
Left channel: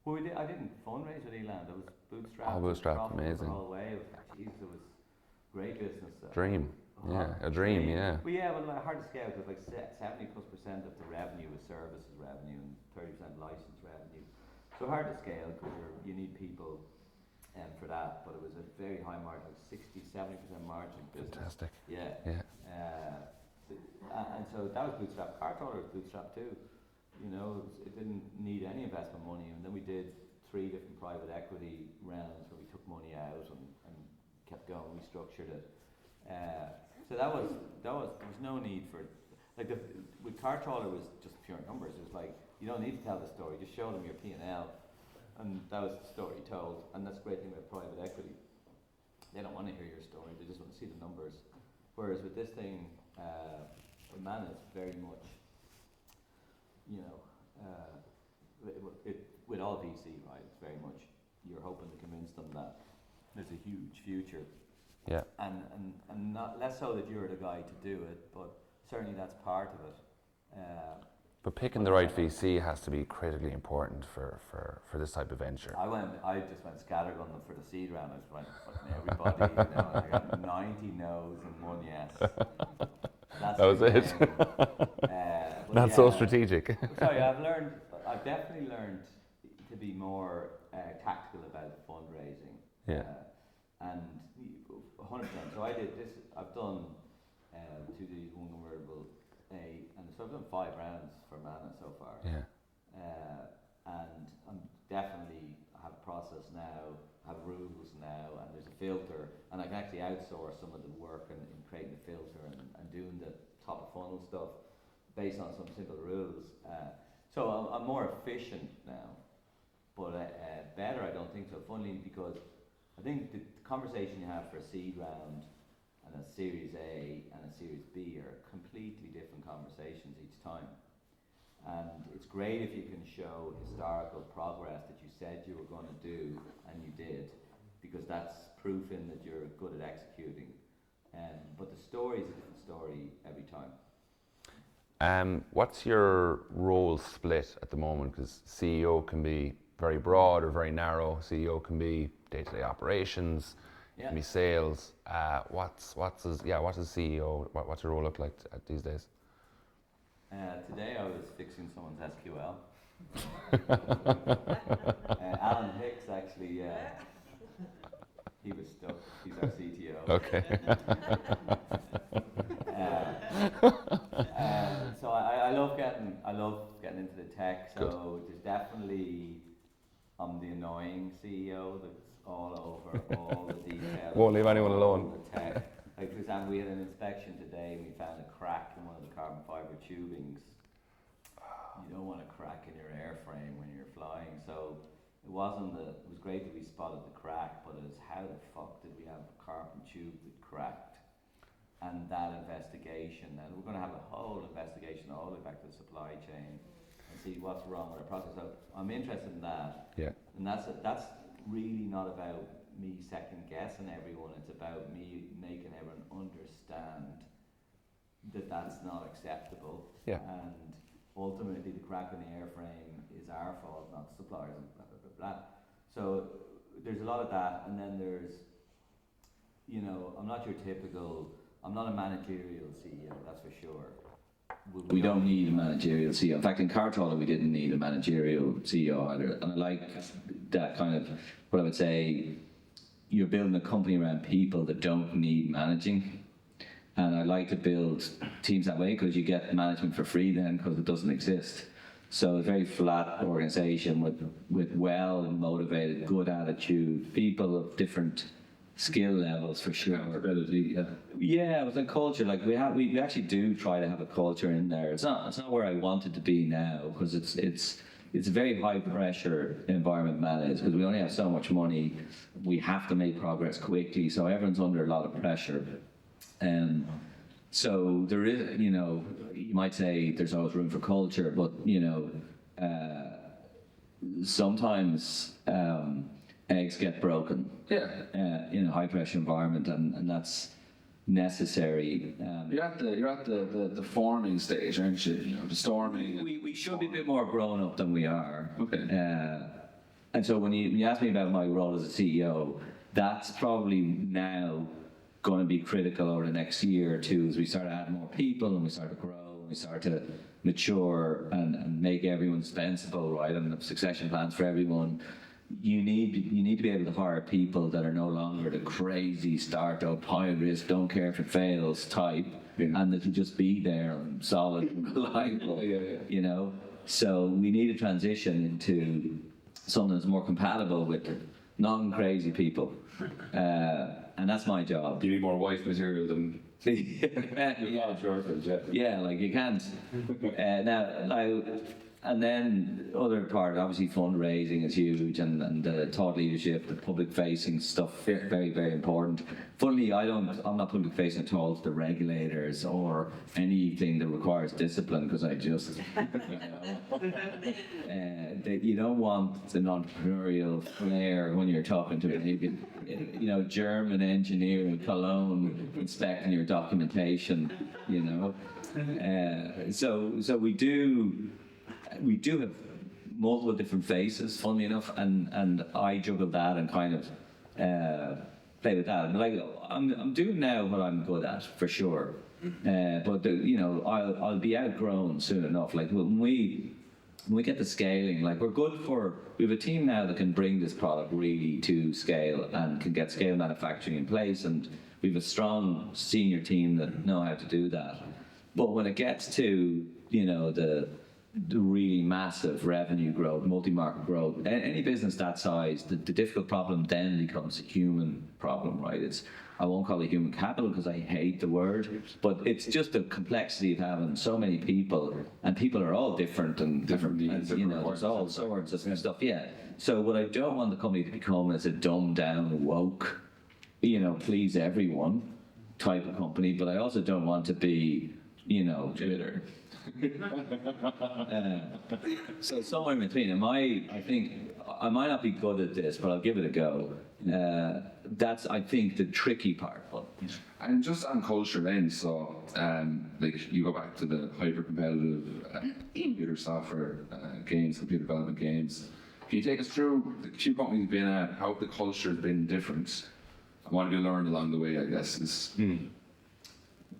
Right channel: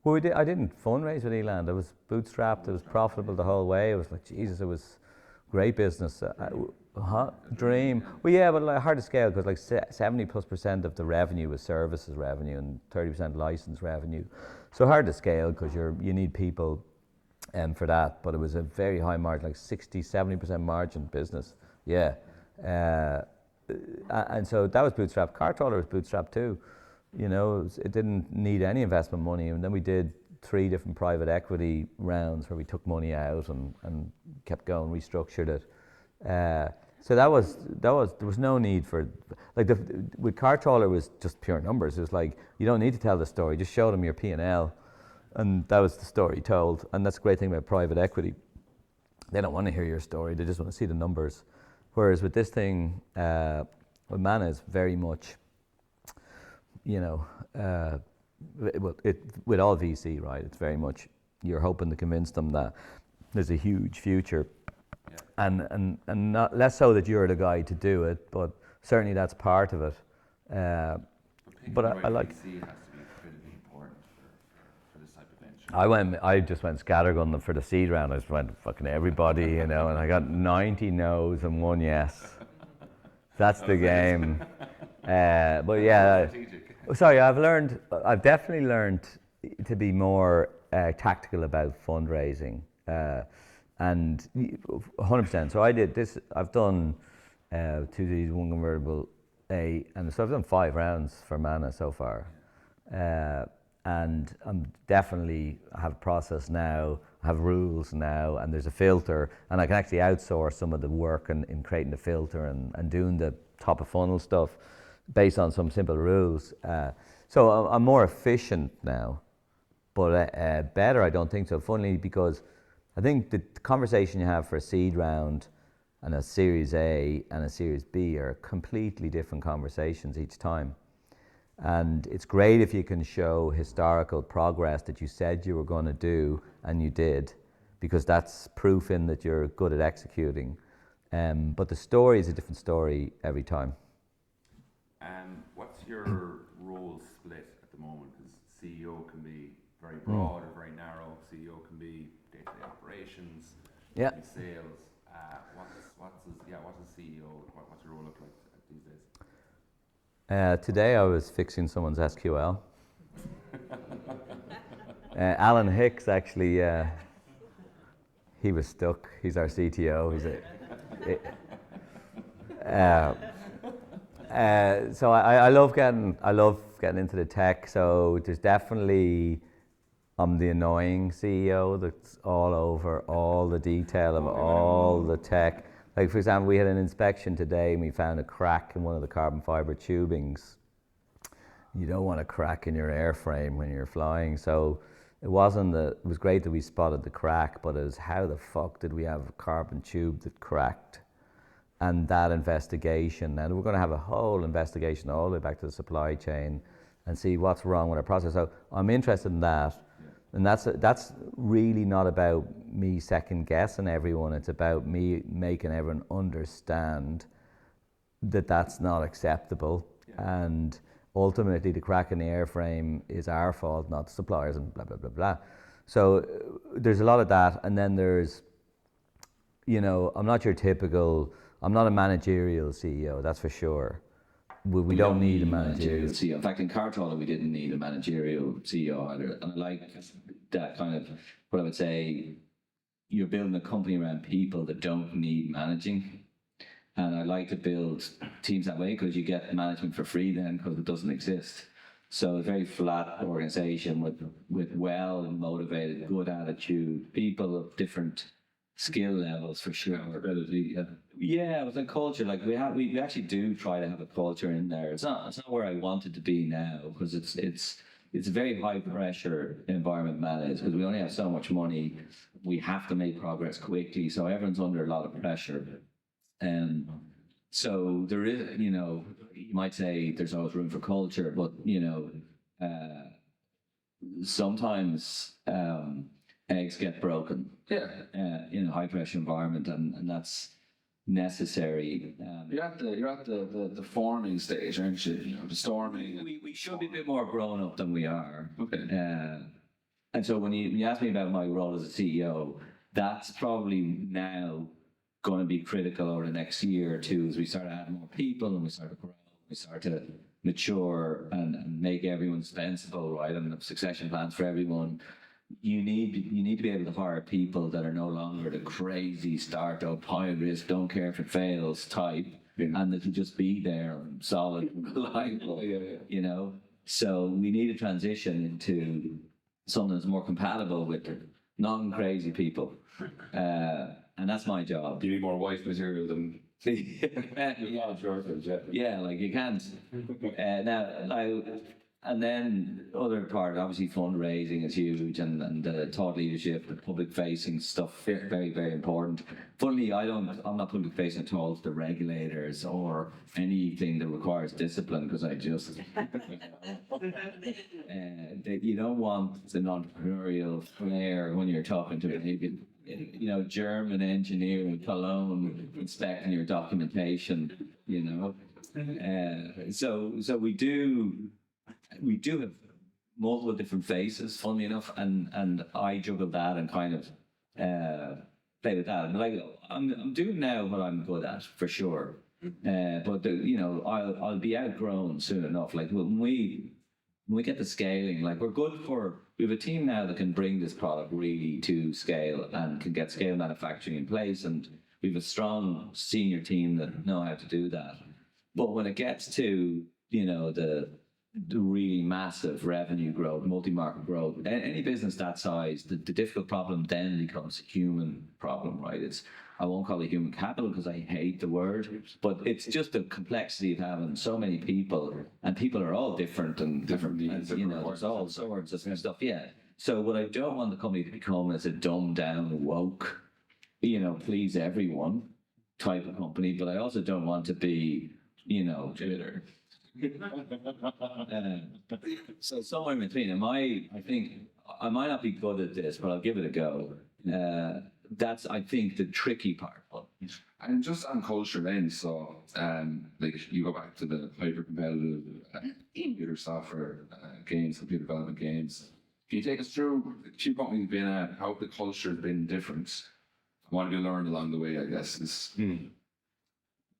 Well, I didn't fundraise with Eland. I was bootstrapped. It was profitable amazing. the whole way. It was like, Jesus, it was great business. Dream. A dream, yeah. Well, yeah, but like hard to scale because like 70+% of the revenue was services revenue and 30% license revenue. So hard to scale because you need people for that. But it was a very high margin, like 60-70% margin business. Fantastic. Yeah. Yeah. And so that was bootstrapped. Car Trawler was bootstrapped too. You know, it didn't need any investment money. And then we did 3 different private equity rounds where we took money out and kept going, restructured it. So there was no need for, like with Car Trawler was just pure numbers. It was like, you don't need to tell the story, just show them your P&L. And that was the story told. And that's the great thing about private equity. They don't want to hear your story, they just want to see the numbers. Whereas with this thing, with Manna is very much, you know, with all VC, right? It's very much, you're hoping to convince them that there's a huge future. Yeah. And not less so that you're the guy to do it, but certainly that's part of it. But picking the right VC has to be critically important for this type of venture. I just went scattergun for the seed round. I just went fucking everybody, you know, and I got 90 no's and 1 yes. That's the game. But Not yeah, so strategic. Sorry, I've definitely learned to be more tactical about fundraising. Yeah. And 100%. So I did this. I've done 2 Ds, 1 convertible, and so I've done 5 rounds for Manna so far. Yeah. And I'm definitely have a process now, have rules now, and there's a filter, and I can actually outsource some of the work in creating the filter and doing the top of funnel stuff based on some simple rules. So I'm more efficient now, but better I don't think so. Funnily, because I think the conversation you have for a seed round and a Series A and a Series B are completely different conversations each time. And it's great if you can show historical progress that you said you were going to do and you did, because that's proof in that you're good at executing. But the story is a different story every time. What's your role split at the moment? Because CEO can be very broad or very narrow. CEO can be day-to-day operations, can be sales. What's CEO? What's your role look like these days? Today I was fixing someone's SQL. Alan Hicks actually, he was stuck. He's our CTO. Okay. So I love getting into the tech. So there's definitely, I'm the annoying CEO that's all over all the detail of all the tech. Like for example, we had an inspection today and we found a crack in one of the carbon fiber tubings. You don't want a crack in your airframe when you're flying. So it was great that we spotted the crack, but it was how the fuck did we have a carbon tube that cracked? And that investigation, and we're going to have a whole investigation all the way back to the supply chain and see what's wrong with our process. So I'm interested in that. Yeah. And that's really not about me second guessing everyone. It's about me making everyone understand that that's not acceptable. Yeah. And ultimately the crack in the airframe is our fault, not the suppliers, and blah, blah, blah, blah. So there's a lot of that. And then there's, you know, I'm not a managerial CEO, that's for sure. we don't need a managerial CEO. In fact, in Cartola, we didn't need a managerial CEO either. And I like that kind of, what I would say, you're building a company around people that don't need managing. And I like to build teams that way because you get management for free then because it doesn't exist. So a very flat organization with well motivated, good attitude, people of different skill levels for sure. Ability, yeah. Yeah, with the culture, like we actually do try to have a culture in there. It's not where I want it to be now because it's a very high pressure environment managed because we only have so much money. We have to make progress quickly, so everyone's under a lot of pressure. So there is, you might say there's always room for culture, but sometimes eggs get broken. Yeah. In a high pressure environment, and that's necessary. You're at the forming stage, aren't you? The storming. We should be a bit more grown up than we are. Okay. And so when you ask me about my role as a CEO, that's probably now going to be critical over the next year or two as we start to add more people and we start to grow and we start to mature and make everyone sensible, right? And the succession plans for everyone. You need to be able to hire people that are no longer the crazy startup, high risk, don't care if it fails type, and that can just be there and solid and reliable. So we need to transition into something that's more compatible with non-crazy people, and that's my job. You need more wife material than. Yeah, like you can't. And then other part, obviously fundraising is huge, and the thought leadership, the public facing stuff, very, very important. Funnily, I'm not public facing at all to the regulators or anything that requires discipline because I just, you don't want an entrepreneurial flair when you're talking to a German engineer in Cologne inspecting your documentation, So we do have multiple different faces, funnily enough, and I juggle that and kind of play with that. And I'm doing now what I'm good at for sure, but I'll be outgrown soon enough. Like when we get the scaling, like we have a team now that can bring this product really to scale and can get scale manufacturing in place, and we have a strong senior team that know how to do that. But when it gets to the really massive revenue growth, multi-market growth, any business that size, the difficult problem then becomes a human problem, right? I won't call it human capital because I hate the word, but it's just the complexity of having so many people, and people are all different and different needs, there's all sorts of stuff. Yeah. So what I don't want the company to become is a dumbed down, woke, please everyone type of company, but I also don't want to be, Twitter. So somewhere in between. I think I might not be good at this, but I'll give it a go. That's, I think, the tricky part. And just on culture then, so you go back to the hyper-competitive computer software games, computer development games. Can you take us through the few companies you've been at, how the culture has been different? What have you learned along the way, I guess?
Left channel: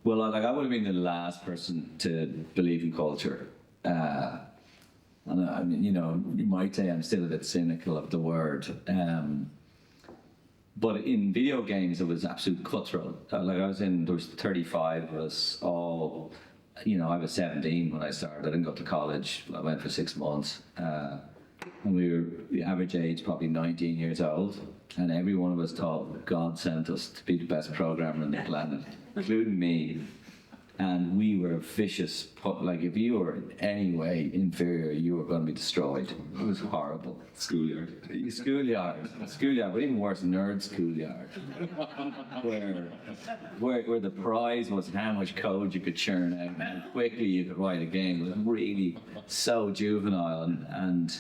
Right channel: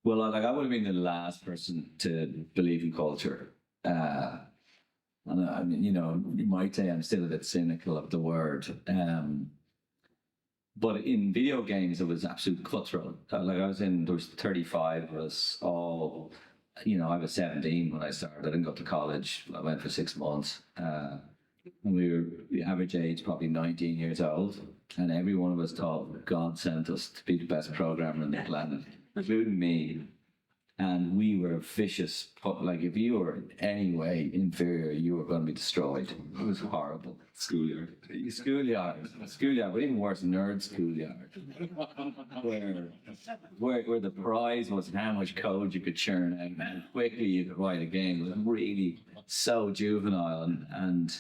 Well, I would have been the last person to believe in culture. And I mean, you might say I'm still a bit cynical of the word. But in video games, it was absolute cutthroat. There was 35 of us all, I was 17 when I started. I didn't go to college. I went for 6 months. And the average age probably 19 years old. And every one of us thought God sent us to be the best programmer on the planet, including me. And we were vicious. Like, if you were in any way inferior, you were going to be destroyed. It was horrible. Schoolyard, but even worse, nerd schoolyard. where the prize was how much code you could churn out and how quickly you could write a game. It was really so juvenile, and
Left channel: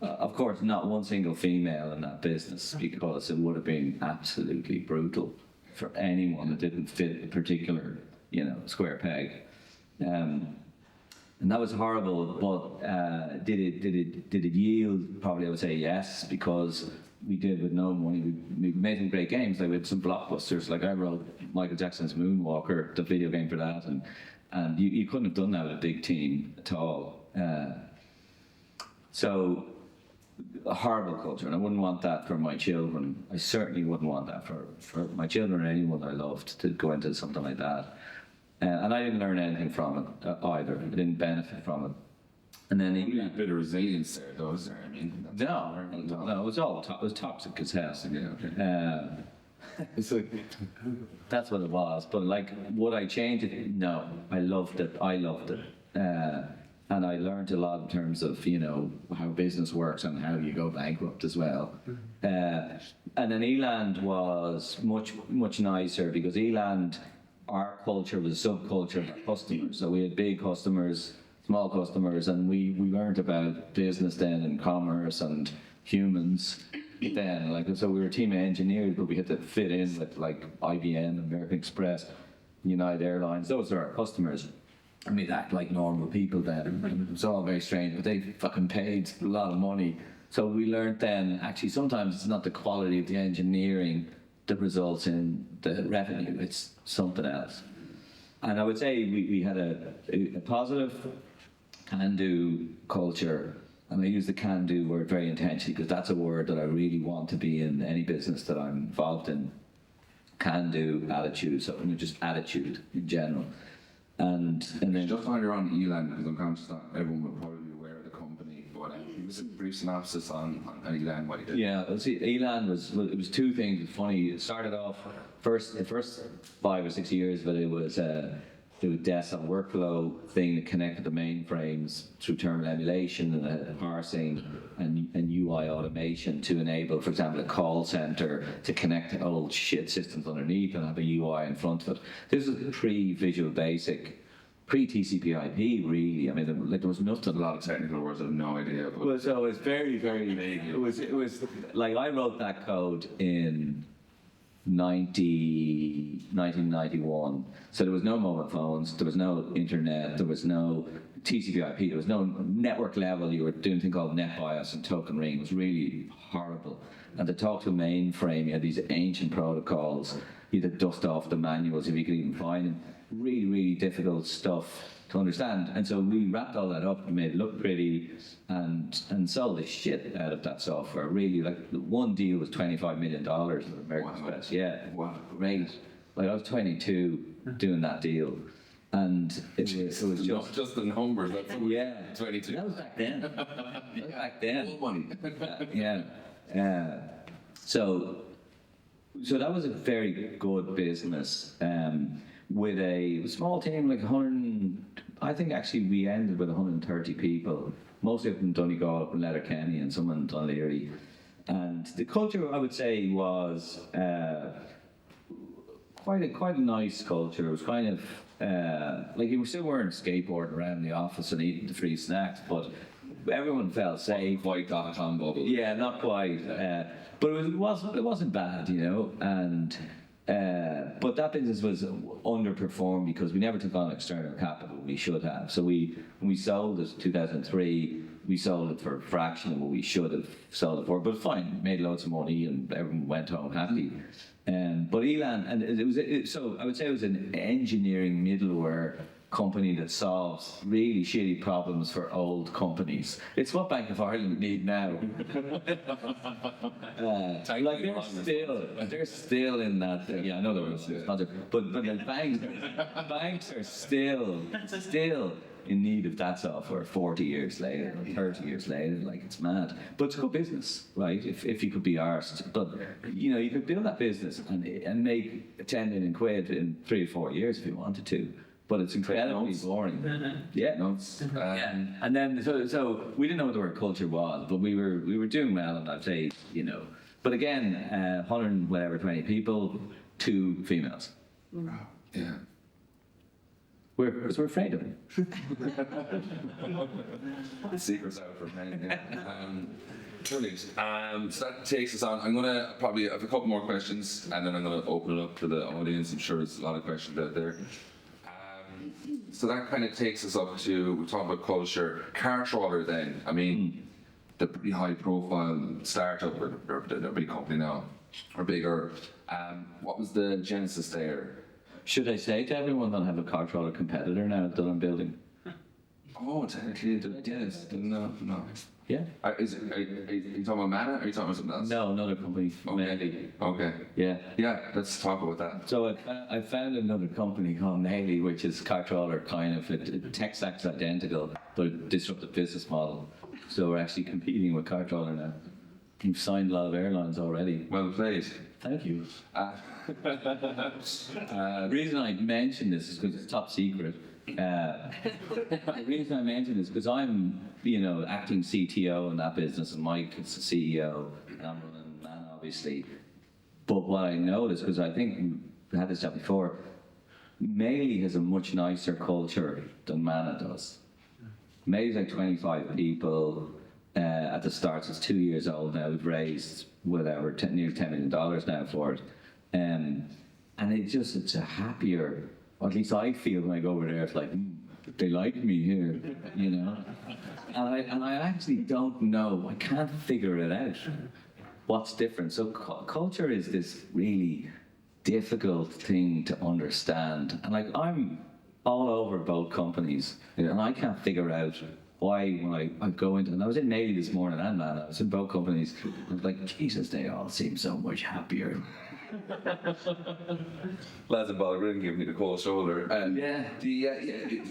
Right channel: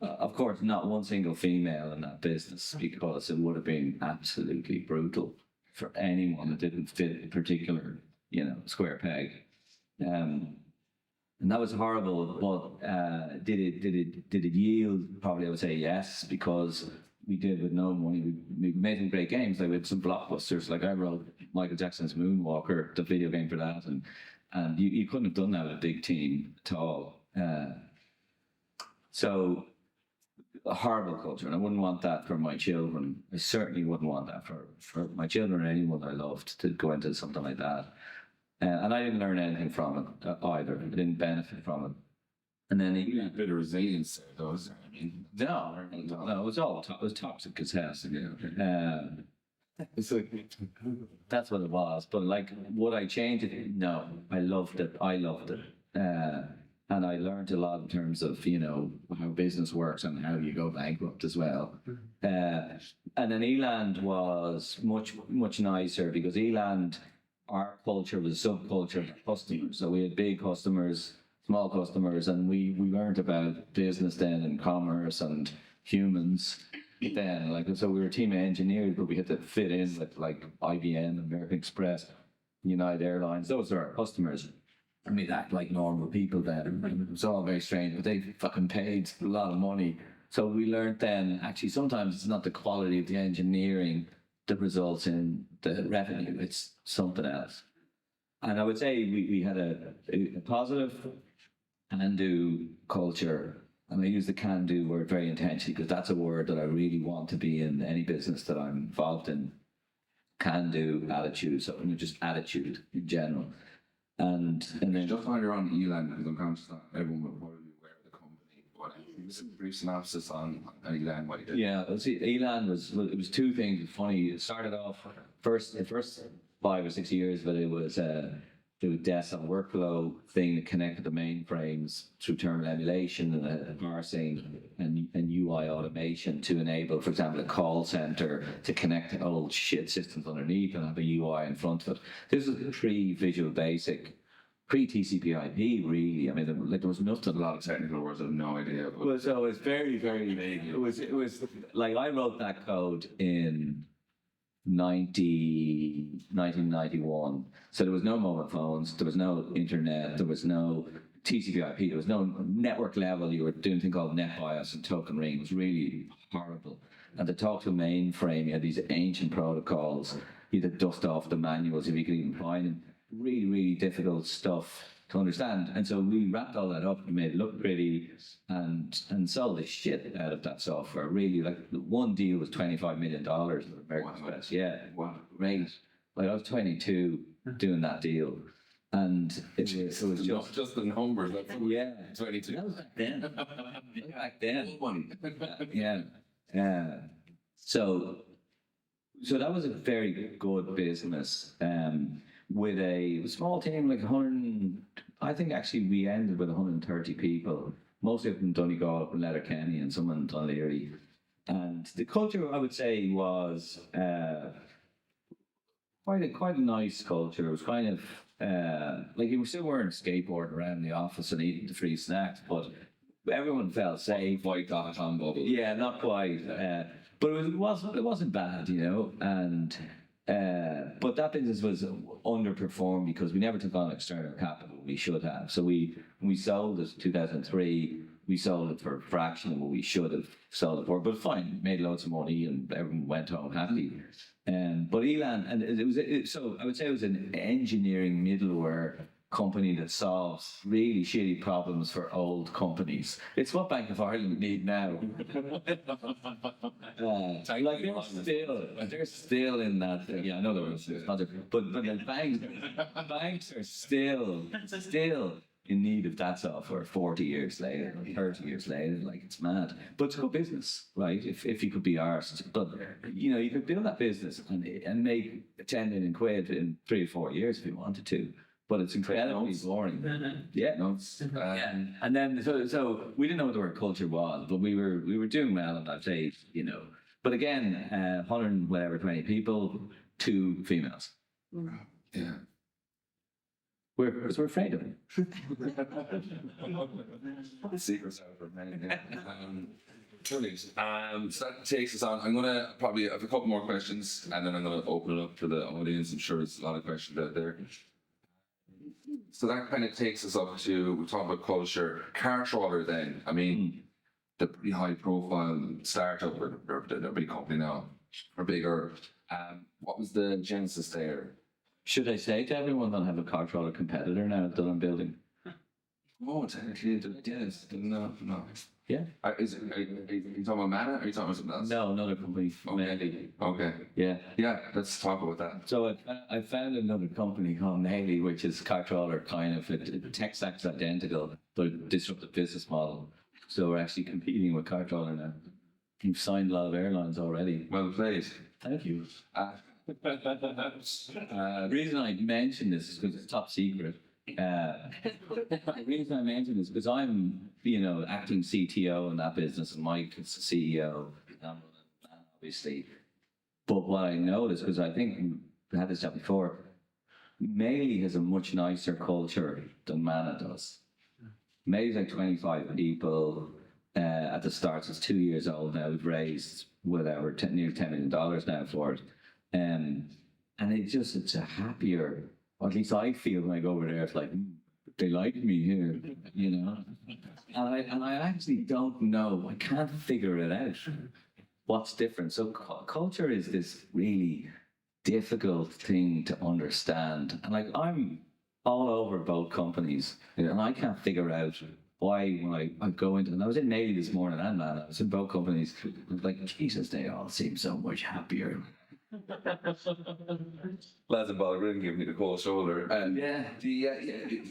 of course, not one single female in that business, because it would have been absolutely brutal for anyone that didn't fit a particular, square peg. And that was horrible, but did it yield? Probably I would say yes, because we did with no money. We made some great games, like we had some blockbusters. Like I wrote Michael Jackson's Moonwalker, the video game for that, and and you couldn't have done that with a big team at all. So a horrible culture, and I wouldn't want that for my children. I certainly wouldn't want that for my children or anyone I loved to go into something like that. And I didn't learn anything from it either. I didn't benefit from it. And then A bit of resilience there, though, is there? I mean, no, it was it was toxic as hell. yeah, okay. It's like, That's what it was. But like, would I change it? No, I loved it. I loved it. And I learned a lot in terms of, you know, how business works and how you go bankrupt as well. And then Eland was much nicer because Eland, our culture was a subculture of our customers. So we had big customers, small customers, and we learned about business then and commerce and humans then. Like, so we were a team of engineers, but we had to fit in with like IBM, American Express, United Airlines. Those are our customers. And we'd act like normal people then. It was all very strange, but they fucking paid a lot of money. So we learned then, actually, sometimes it's not the quality of the engineering that results in the revenue, it's something else. And I would say we had a positive can-do culture. And I use the can-do word very intentionally because that's a word that I really want to be in any business that I'm involved in. Can-do attitude, so just attitude in general. And then just while you're on Eland, because I'm conscious that everyone will probably be aware of the company, but give us a brief synopsis on Eland, what you did. yeah, see, Elan was two things. It's funny. It started off the first 5 or 6 years, but it was DES on workflow thing that connected the mainframes through terminal emulation and parsing and UI automation to enable, for example, a call center to connect to old shit systems underneath and have a UI in front of it. This was pre-Visual Basic, pre-TCP/IP, really. I mean, there was nothing. A lot of technical words I have no idea. But Well, so it's very, very vague. It was like I wrote that code in 1991. So there was no mobile phones, there was no internet, there was no TCP/IP, there was no network level. You were doing a thing called NetBIOS and Token Ring. It was really horrible. And to talk to a mainframe, you had these ancient protocols. You had to dust off the manuals if you could even find them. Really, really difficult stuff to understand. And so we wrapped all that up and made it look pretty and sold the shit out of that software. Really, like one deal was $25 million with American Express. Yeah, wow, great. Like I was 22 doing that deal. And it was not just the numbers, that's yeah, 22. that was back then. That was back then. Money. Yeah. So that was a very good business with a small team, like 100. I think actually we ended with 130 people, mostly up in Donegal, up in Letterkenny, and some in Dunleary. And the culture, I would say, was quite a nice culture. It was kind of like you still weren't skateboarding around the office and eating the free snacks, but everyone felt safe. White.com bubble. Yeah, not quite. But it wasn't bad, you know. And but that business was underperformed because we never took on external capital. We should have. So when we sold it in 2003. We sold it for a fraction of what we should have sold it for, but fine, made loads of money and everyone went home happy. But Elan, and so I would say it was an engineering middleware company that solves really shitty problems for old companies. It's what Bank of Ireland need now. Like they're still in that. Yeah, I know there was other, but the banks are still in need of that software 40 years later, or 30 years later. Like, it's mad. But it's good business, right? If you could be arsed. But, you know, you could build that business and make 10 million quid in 3 or 4 years if you wanted to. But it's incredibly boring. Yeah. Yeah. And then, so we didn't know what the word culture was, but we were doing well, and I'd say, you know. But again, 120 people, 2 females. Yeah. Because we're afraid of it. The secret's out for many. Brilliant. So that takes us on. I'm going to probably have a couple more questions and then I'm going to open it up to the audience. I'm sure there's a lot of questions out there. So that kind of takes us up to, we talk about culture. Car trawler then, I mean, the pretty high profile startup, or they're a big company now, or bigger. What was the genesis there? should I say to everyone that I have a controller competitor now that I'm building? Oh, technically, yes. No. Yeah. Are you talking about Manna, or are you talking about something else? No, another company. Healy. Okay. Yeah. Yeah, let's talk about that. So I found another company called Healy, which is controller kind of, tech stack's identical, but a disruptive business model. So we're actually competing with controller now. We've signed a lot of airlines already. Well played. Thank you. The reason I mention this is because it's top secret. The reason I mention this is because I'm, acting CTO in that business, and Mike is the CEO, and I'm running Manna, obviously. But what I noticed, because I think we had this chat before, Melee has a much nicer culture than Manna does. Melee's like 25 people. At the start, it's 2 years old now. We've raised whatever, nearly $10 million now for it. And it's a happier, or at least I feel when I go over there, it's like, they like me here, And I actually don't know, I can't figure it out, what's different. So culture is this really difficult thing to understand. And I'm all over both companies, and I can't figure out why when I go into, and I was in Navy this morning and Manna, I was in both companies, I was like, Jesus, they all seem so much happier. Lads and Balgrin giving me the cold shoulder. And Yeah.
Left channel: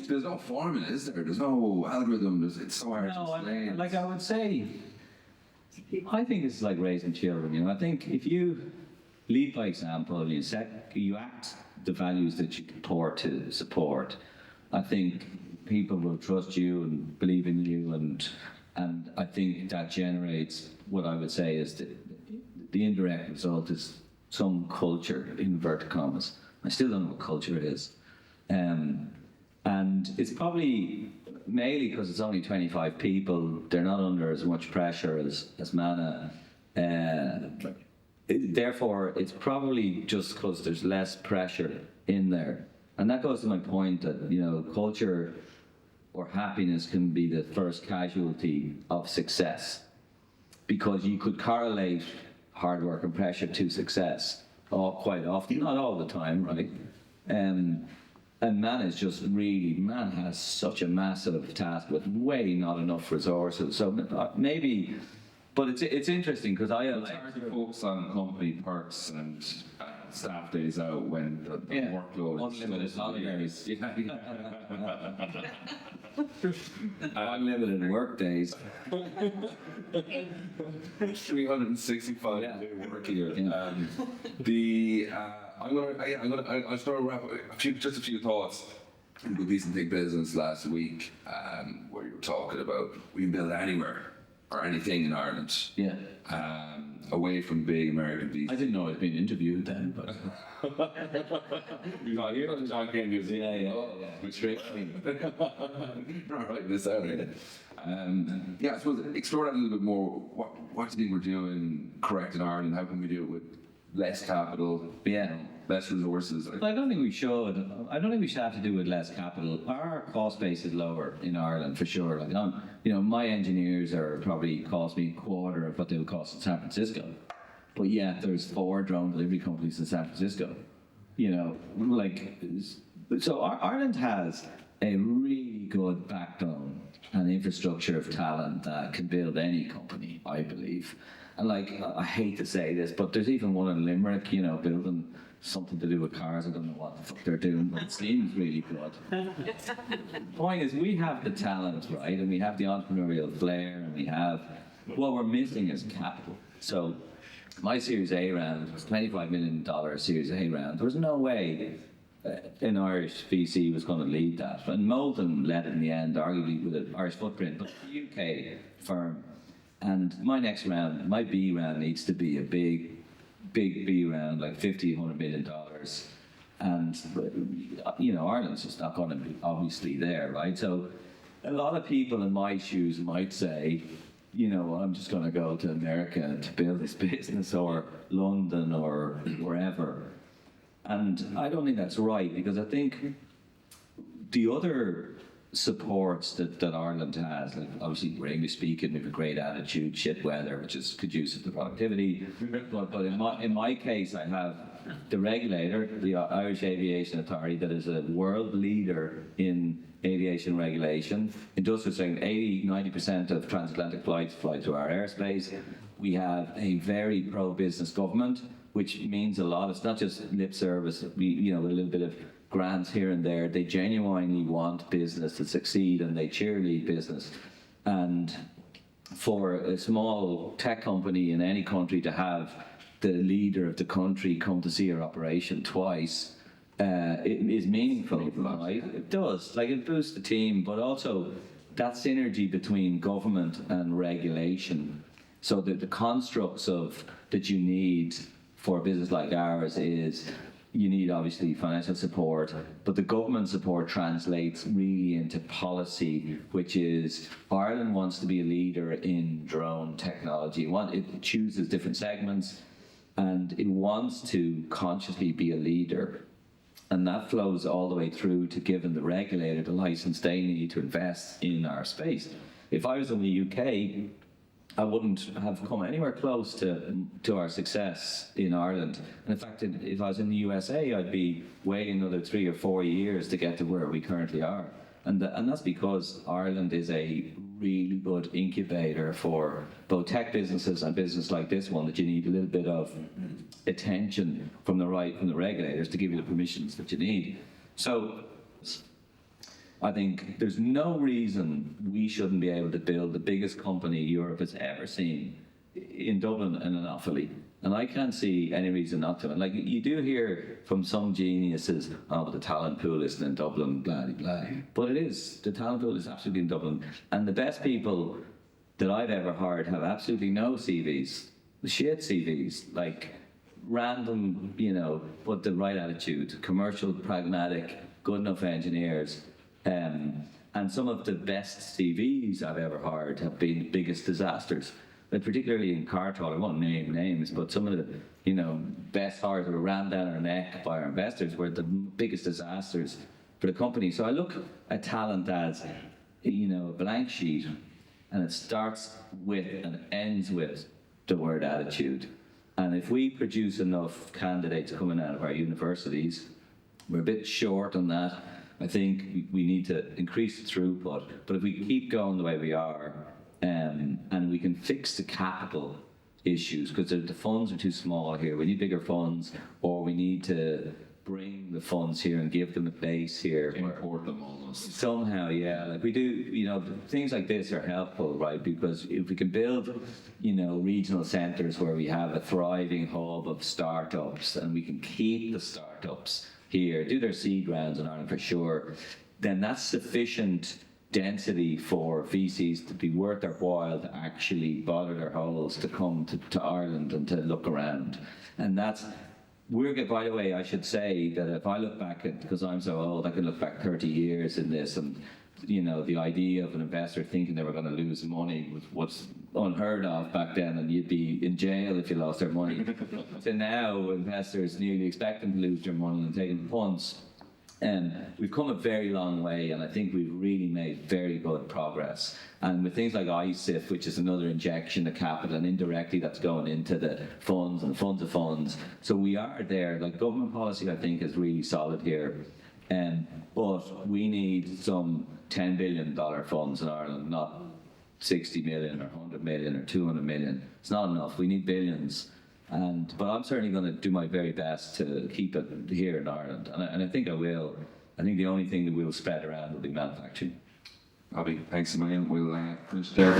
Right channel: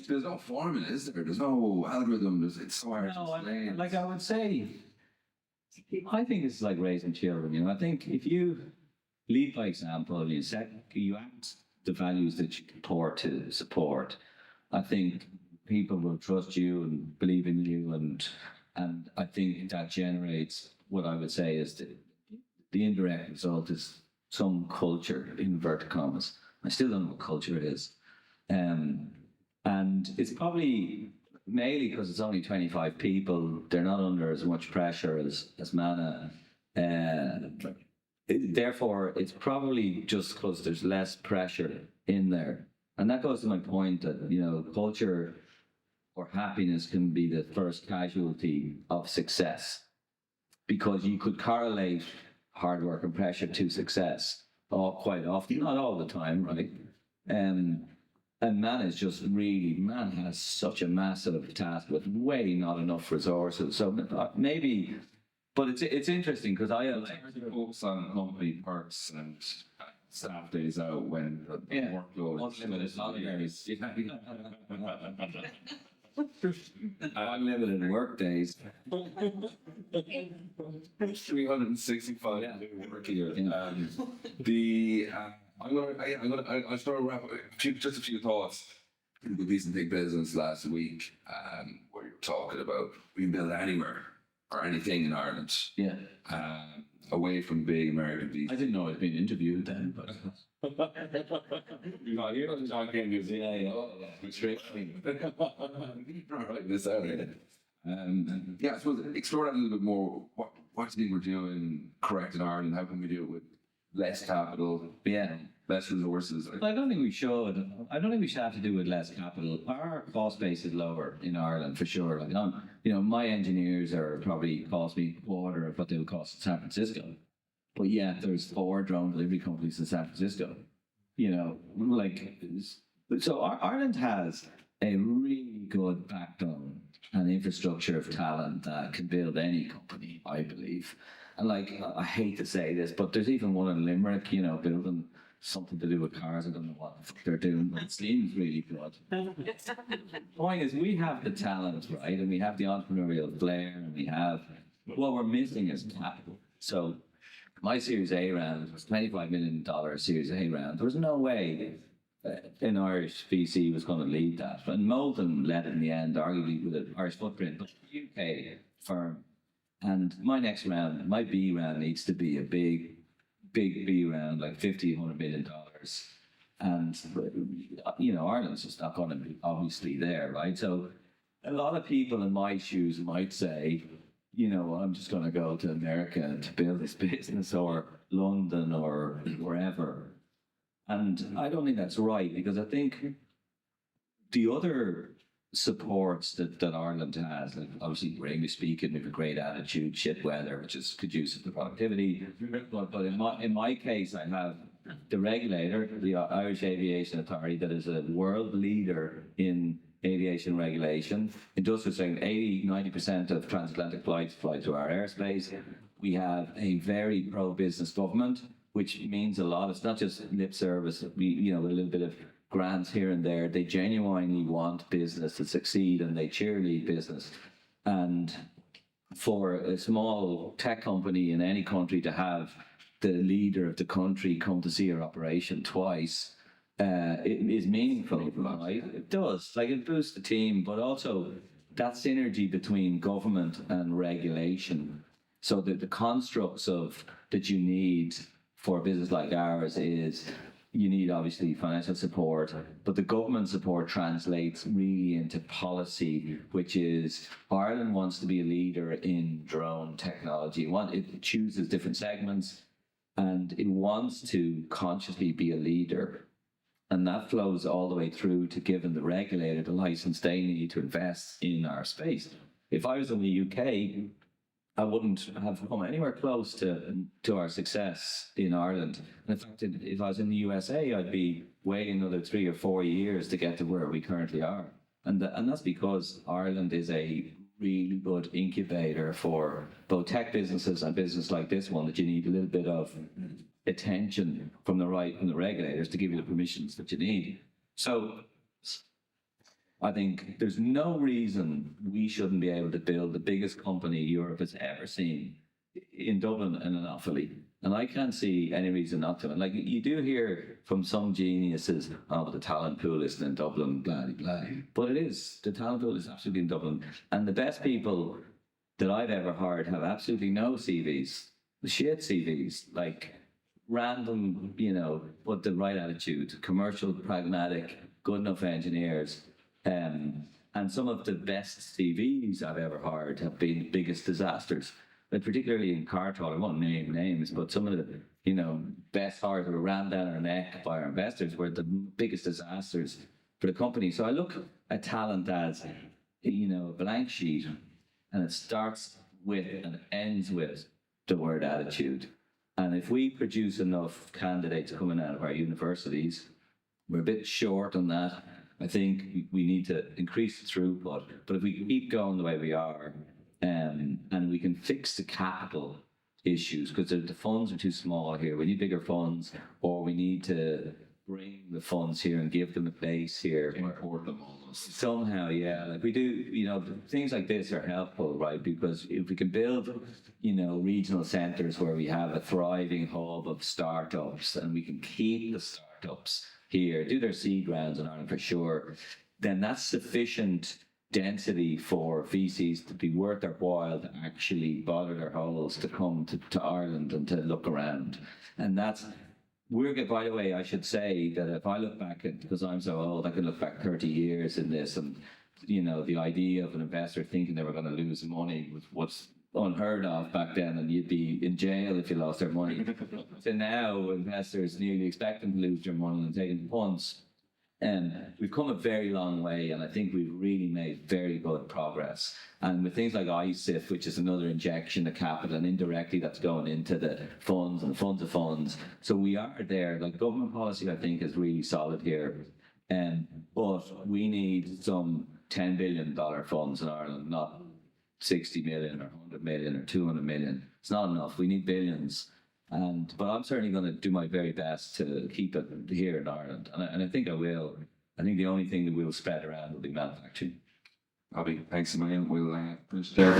there's no formula, is there? There's no algorithm. It's so hard to explain. Like I would say, I think it's like raising children. I think if you lead by example, you act the values that you purport to support, I think people will trust you and believe in you, and I think that generates what I would say is the indirect result is some culture, in inverted commas. I still don't know what culture is. And it's probably mainly because it's only 25 people, they're not under as much pressure as Manna. Therefore, it's probably just because there's less pressure in there. And that goes to my point that, culture or happiness can be the first casualty of success. Because you could correlate hard work and pressure to success quite often, not all the time, right? And Manna is just really, Manna has such a massive task with way not enough resources. So maybe, but it's interesting because It's hard to focus on company perks and staff days out when the workload is unlimited holidays. Yeah. Unlimited work days. 365 Yeah. day work year. Yeah. I'll start to wrap up just a few thoughts. Good piece of Big Business last week, where you were talking about we can build anywhere or anything in Ireland. Yeah. Away from big American I visas. didn't know I'd been interviewed then, but. You got here, John Kane Museum. Yeah. Which makes me. Not right this out. I suppose explore that a little bit more. What do you think we're doing correct in Ireland? How can we do it with less capital? Yeah. Less resources. I don't think we should. I don't think we should have to do with less capital. Our cost base is lower in Ireland for sure. Like my engineers are probably cost me a quarter of what they would cost in San Francisco. But yeah, there's 4 drone delivery companies in San Francisco. So Ireland has a really good backbone and infrastructure of talent that can build any company, I believe. And I hate to say this, but there's even one in Limerick, building something to do with cars. I don't know what the fuck they're doing, but it seems really good. The point is, we have the talent, right? And we have the entrepreneurial flair, and we have, what we're missing is capital. So my Series A round was $25 million Series A round. There was no way an Irish VC was going to lead that. And Molten led it in the end, arguably with an Irish footprint, but the UK firm. And my next round, my B round, needs to be a big B round, like $50, $100 million. And, Ireland's just not going to be obviously there, right? So a lot of people in my shoes might say, I'm just going to go to America to build this business, or London, or wherever. And I don't think that's right, because I think the other supports that Ireland has. Like obviously, we're English speaking, we have a great attitude, shit weather, which is conducive to productivity. But in my case, I have the regulator, the Irish Aviation Authority, that is a world leader in aviation regulation. Industrial saying 80-90% of transatlantic flights fly through our airspace. We have a very pro-business government, which means a lot. It's not just lip service, with a little bit of grants here and there. They genuinely want business to succeed, and they cheerlead business. And for a small tech company in any country to have the leader of the country come to see your operation twice, it is meaningful, right? It does. Like, it boosts the team, but also that synergy between government and regulation. So that the constructs that you need for a business like ours is, you need obviously financial support, but the government support translates really into policy, which is Ireland wants to be a leader in drone technology. It chooses different segments, and it wants to consciously be a leader. And that flows all the way through to giving the regulator the license they need to invest in our space. If I was in the UK, I wouldn't have come anywhere close to our success in Ireland. And in fact, if I was in the USA, I'd be waiting another 3 or 4 years to get to where we currently are. And that's because Ireland is a really good incubator for both tech businesses and business like this one, that you need a little bit of attention from the regulators to give you the permissions that you need. So I think there's no reason we shouldn't be able to build the biggest company Europe has ever seen in Dublin and in Offaly. And I can't see any reason not to. And like, you do hear from some geniuses, but the talent pool isn't in Dublin, blah, blah, blah. But it is. The talent pool is absolutely in Dublin. And the best people that I've ever hired have absolutely no CVs. Shit CVs. Like, random, but the right attitude. Commercial, pragmatic, good enough engineers. And some of the best CVs I've ever hired have been the biggest disasters. But particularly in car talk, I won't name names, but some of the best hires that were ran down our neck by our investors were the biggest disasters for the company. So I look at talent as a blank sheet, and it starts with and ends with the word attitude. And if we produce enough candidates coming out of our universities, we're a bit short on that. I think we need to increase the throughput. But if we keep going the way we are, and we can fix the capital issues, because the funds are too small here. We need bigger funds, or we need to bring the funds here and give them a base here. Import them almost. Somehow, yeah. Like we do, things like this are helpful, right? Because if we can build, regional centres where we have a thriving hub of startups, and we can keep the startups here, do their seed rounds in Ireland for sure, then that's sufficient density for VCs to be worth their while to actually bother their holes to come to Ireland and to look around. And by the way, I should say that if I look back because I'm so old, I can look back 30 years in this, and the idea of an investor thinking they were going to lose money was unheard of back then, and you'd be in jail if you lost their money. So now investors nearly expect them to lose their money and taking punts. And we've come a very long way, and I think we've really made very good progress. And with things like ISIF, which is another injection of capital, and indirectly that's going into the funds and the funds of funds. So we are there. Like, government policy, I think, is really solid here. But we need some $10 billion funds in Ireland, not 60 million or 100 million or 200 million. It's not enough. We need billions. But I'm certainly going to do my very best to keep it here in Ireland. And I think I will. I think the only thing that we'll spread around will be manufacturing. Bobby, thanks a million. We'll finish there.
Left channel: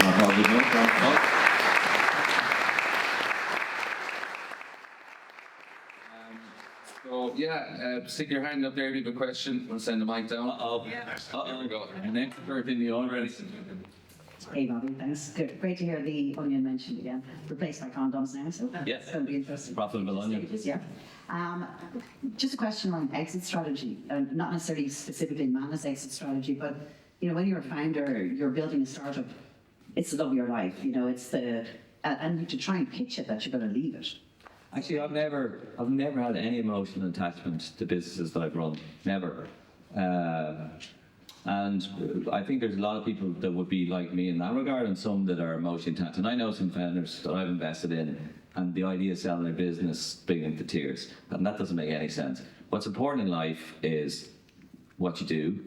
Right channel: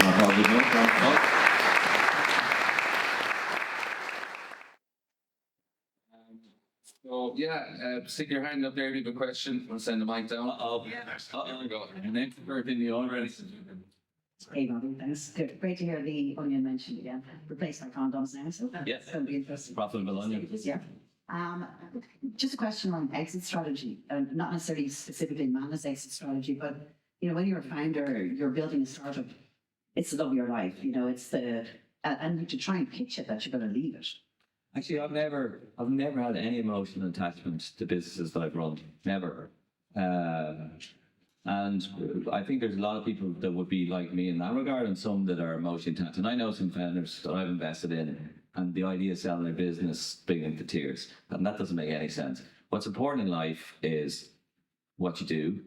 So, stick your hand up there if you have a question. We'll send the mic down. There we go. And then in the already. Hey, Bobby, thanks. Good. Great to hear the onion mentioned again. Replaced by condoms now, so Yes. it's going to be interesting. Profitable onion. Yeah. Just a question on exit strategy, not necessarily specifically Manna's exit strategy, but when you're a founder, you're building a startup. It's the love of your life. It's and to try and pitch it that you're going to leave it. Actually, I've never had any emotional attachment to businesses that I've run. Never. And I think there's a lot of people that would be like me in that regard, and some that are emotionally attached. And I know some founders that I've invested in, and the idea of selling their business bring them to tears, and that doesn't make any sense. What's important in life is what you do,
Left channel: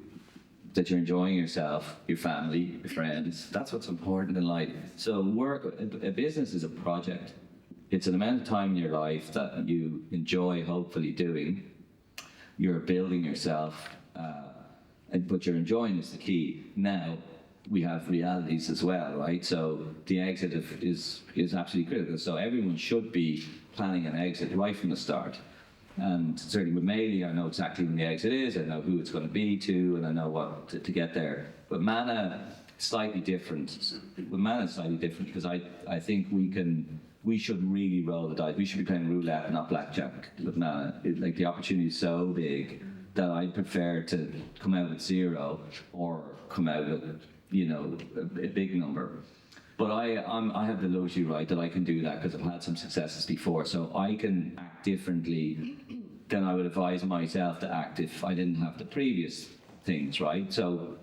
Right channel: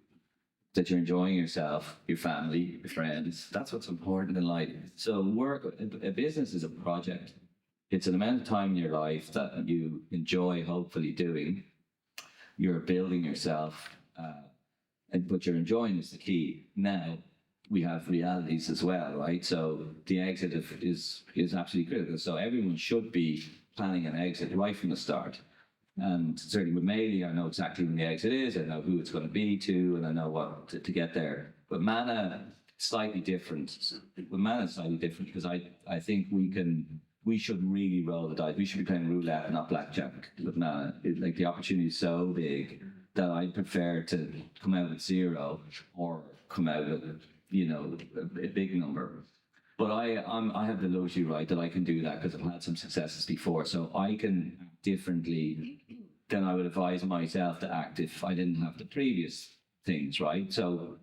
that you're enjoying yourself, your family, your friends. That's what's important in life. So a business is a project. It's an amount of time in your life that you enjoy, hopefully, doing. You're building yourself, but you're enjoying is the key. Now, we have realities as well, right? So the exit is absolutely critical. So everyone should be planning an exit right from the start. And certainly with Healy, I know exactly when the exit is, I know who it's going to be to, and I know what to get there. But Manna, slightly different. With Manna, slightly different because I think we should really roll the dice. We should be playing roulette, not blackjack with Manna. Like the opportunity is so big that I prefer to come out with zero or come out with, a big number. But I have the luxury, right, that I can do that because I've had some successes before. So I can act differently than I would advise myself to act if I didn't have the previous things, right? So,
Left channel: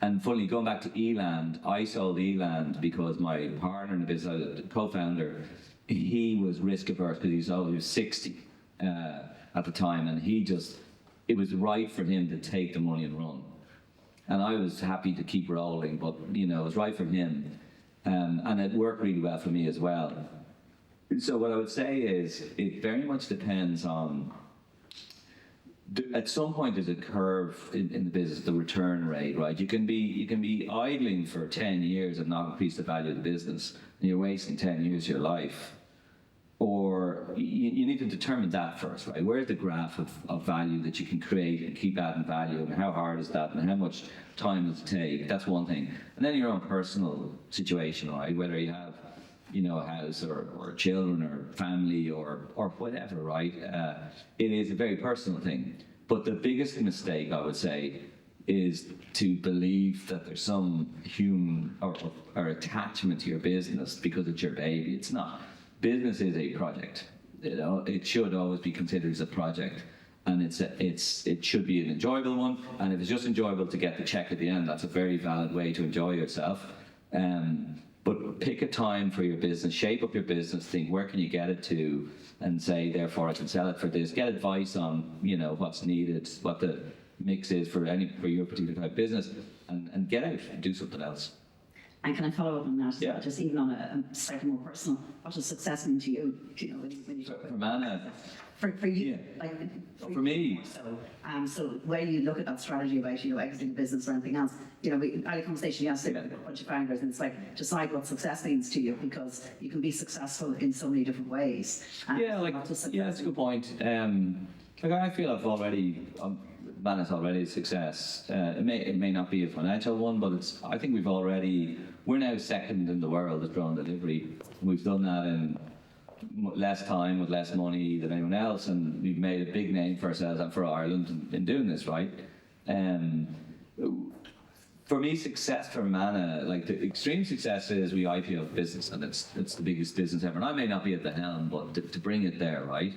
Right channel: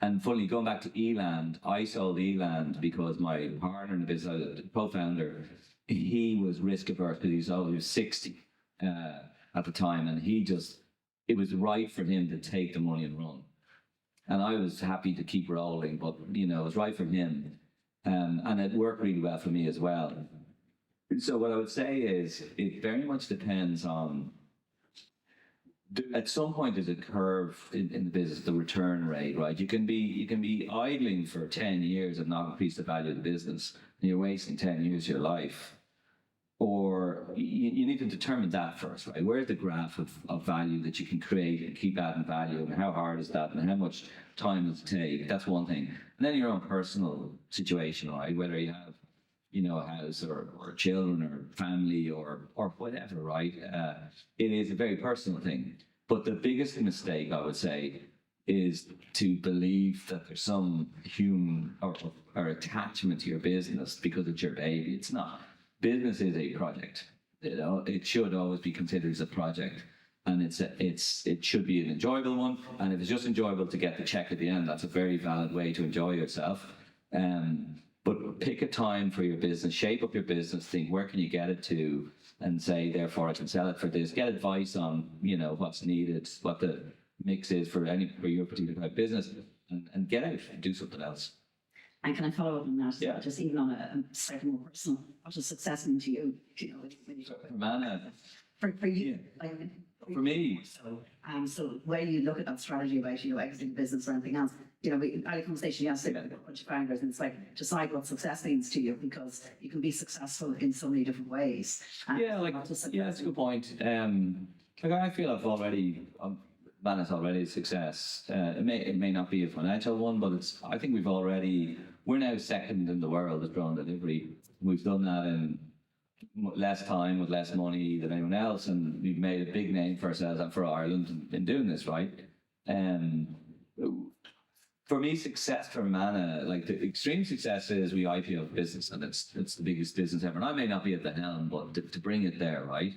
and funny, going back to Eland, I sold Eland because my partner in the business, the co-founder, he was risk averse because he was 60 at the time, and it was right for him to take the money and run. And I was happy to keep rolling, but it was right for him. And it worked really well for me as well. So what I would say is, it very much depends on, at some point there's a curve in the business, the return rate, right? You can be idling for 10 years and not increase the value of the business, and you're wasting 10 years of your life. Or you need to determine that first, right? Where's the graph of value that you can create and keep adding value, and how hard is that, and how much time does it take? That's one thing. And then your own personal situation, right? Whether you have, a house or children or family or whatever, right? It is a very personal thing. But the biggest mistake, I would say, is to believe that there's some human or attachment to your business because it's your baby. It's not. Business is a project. It should always be considered as a project, and it should be an enjoyable one. And if it's just enjoyable to get the check at the end, that's a very valid way to enjoy yourself. But pick a time for your business, shape up your business, think where can you get it to, and say therefore I can sell it for this. Get advice on what's needed, what the mix is for your particular type of business, and get out and do something else. And can I follow up on that? Yeah. Just even on a slightly more personal, what does success mean to you? When you For Manna, for you, yeah. For me. So when you look at that strategy about exiting business or anything else, we had a conversation yesterday with a bunch of founders, and it's like, decide what success means to you, because you can be successful in so many different ways. That's a good point. I feel I've already. Manna's already a success. It may not be a financial one, but I think we're now second in the world at drone delivery. We've done that in less time with less money than anyone else, and we've made a big name for ourselves and for Ireland in doing this, right? For me, success for Manna, like the extreme success is we IPO business, and it's the biggest business ever. And I may not be at the helm, but to bring it there, right?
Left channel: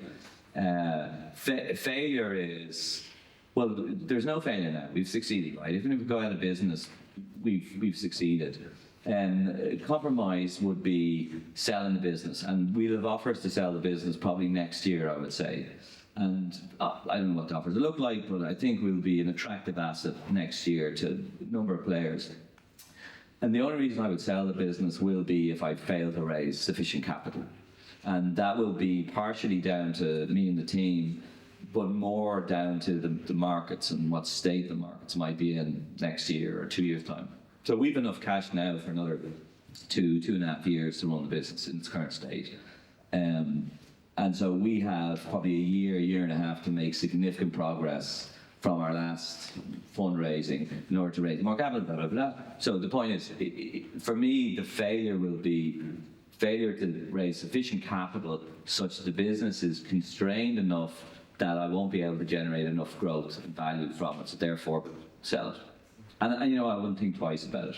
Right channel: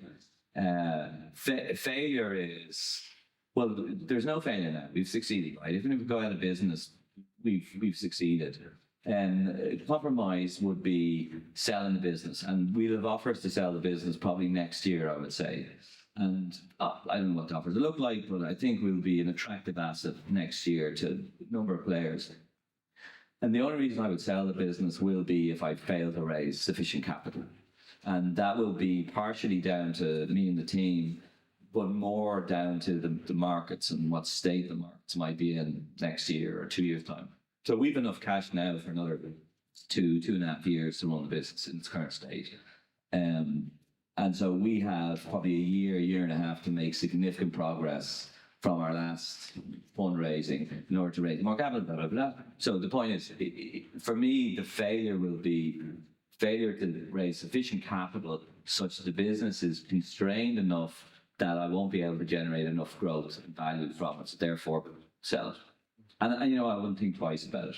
Failure is, well, there's no failure now. We've succeeded, right? Even if we go out of business, we've succeeded. And compromise would be selling the business, and we'll have offers to sell the business probably next year, I would say. And I don't know what the offers look like, but I think we'll be an attractive asset next year to a number of players. And the only reason I would sell the business will be if I fail to raise sufficient capital. And that will be partially down to me and the team, but more down to the markets and what state the markets might be in next year or 2 years' time. So we've enough cash now for another 2.5 years to run the business in its current state. And so we have probably a year and a half to make significant progress from our last fundraising in order to raise more capital, blah, blah, blah. So the point is, for me, the failure will be failure to raise sufficient capital such that the business is constrained enough that I won't be able to generate enough growth and value from it, so therefore sell it. And I wouldn't think twice about it.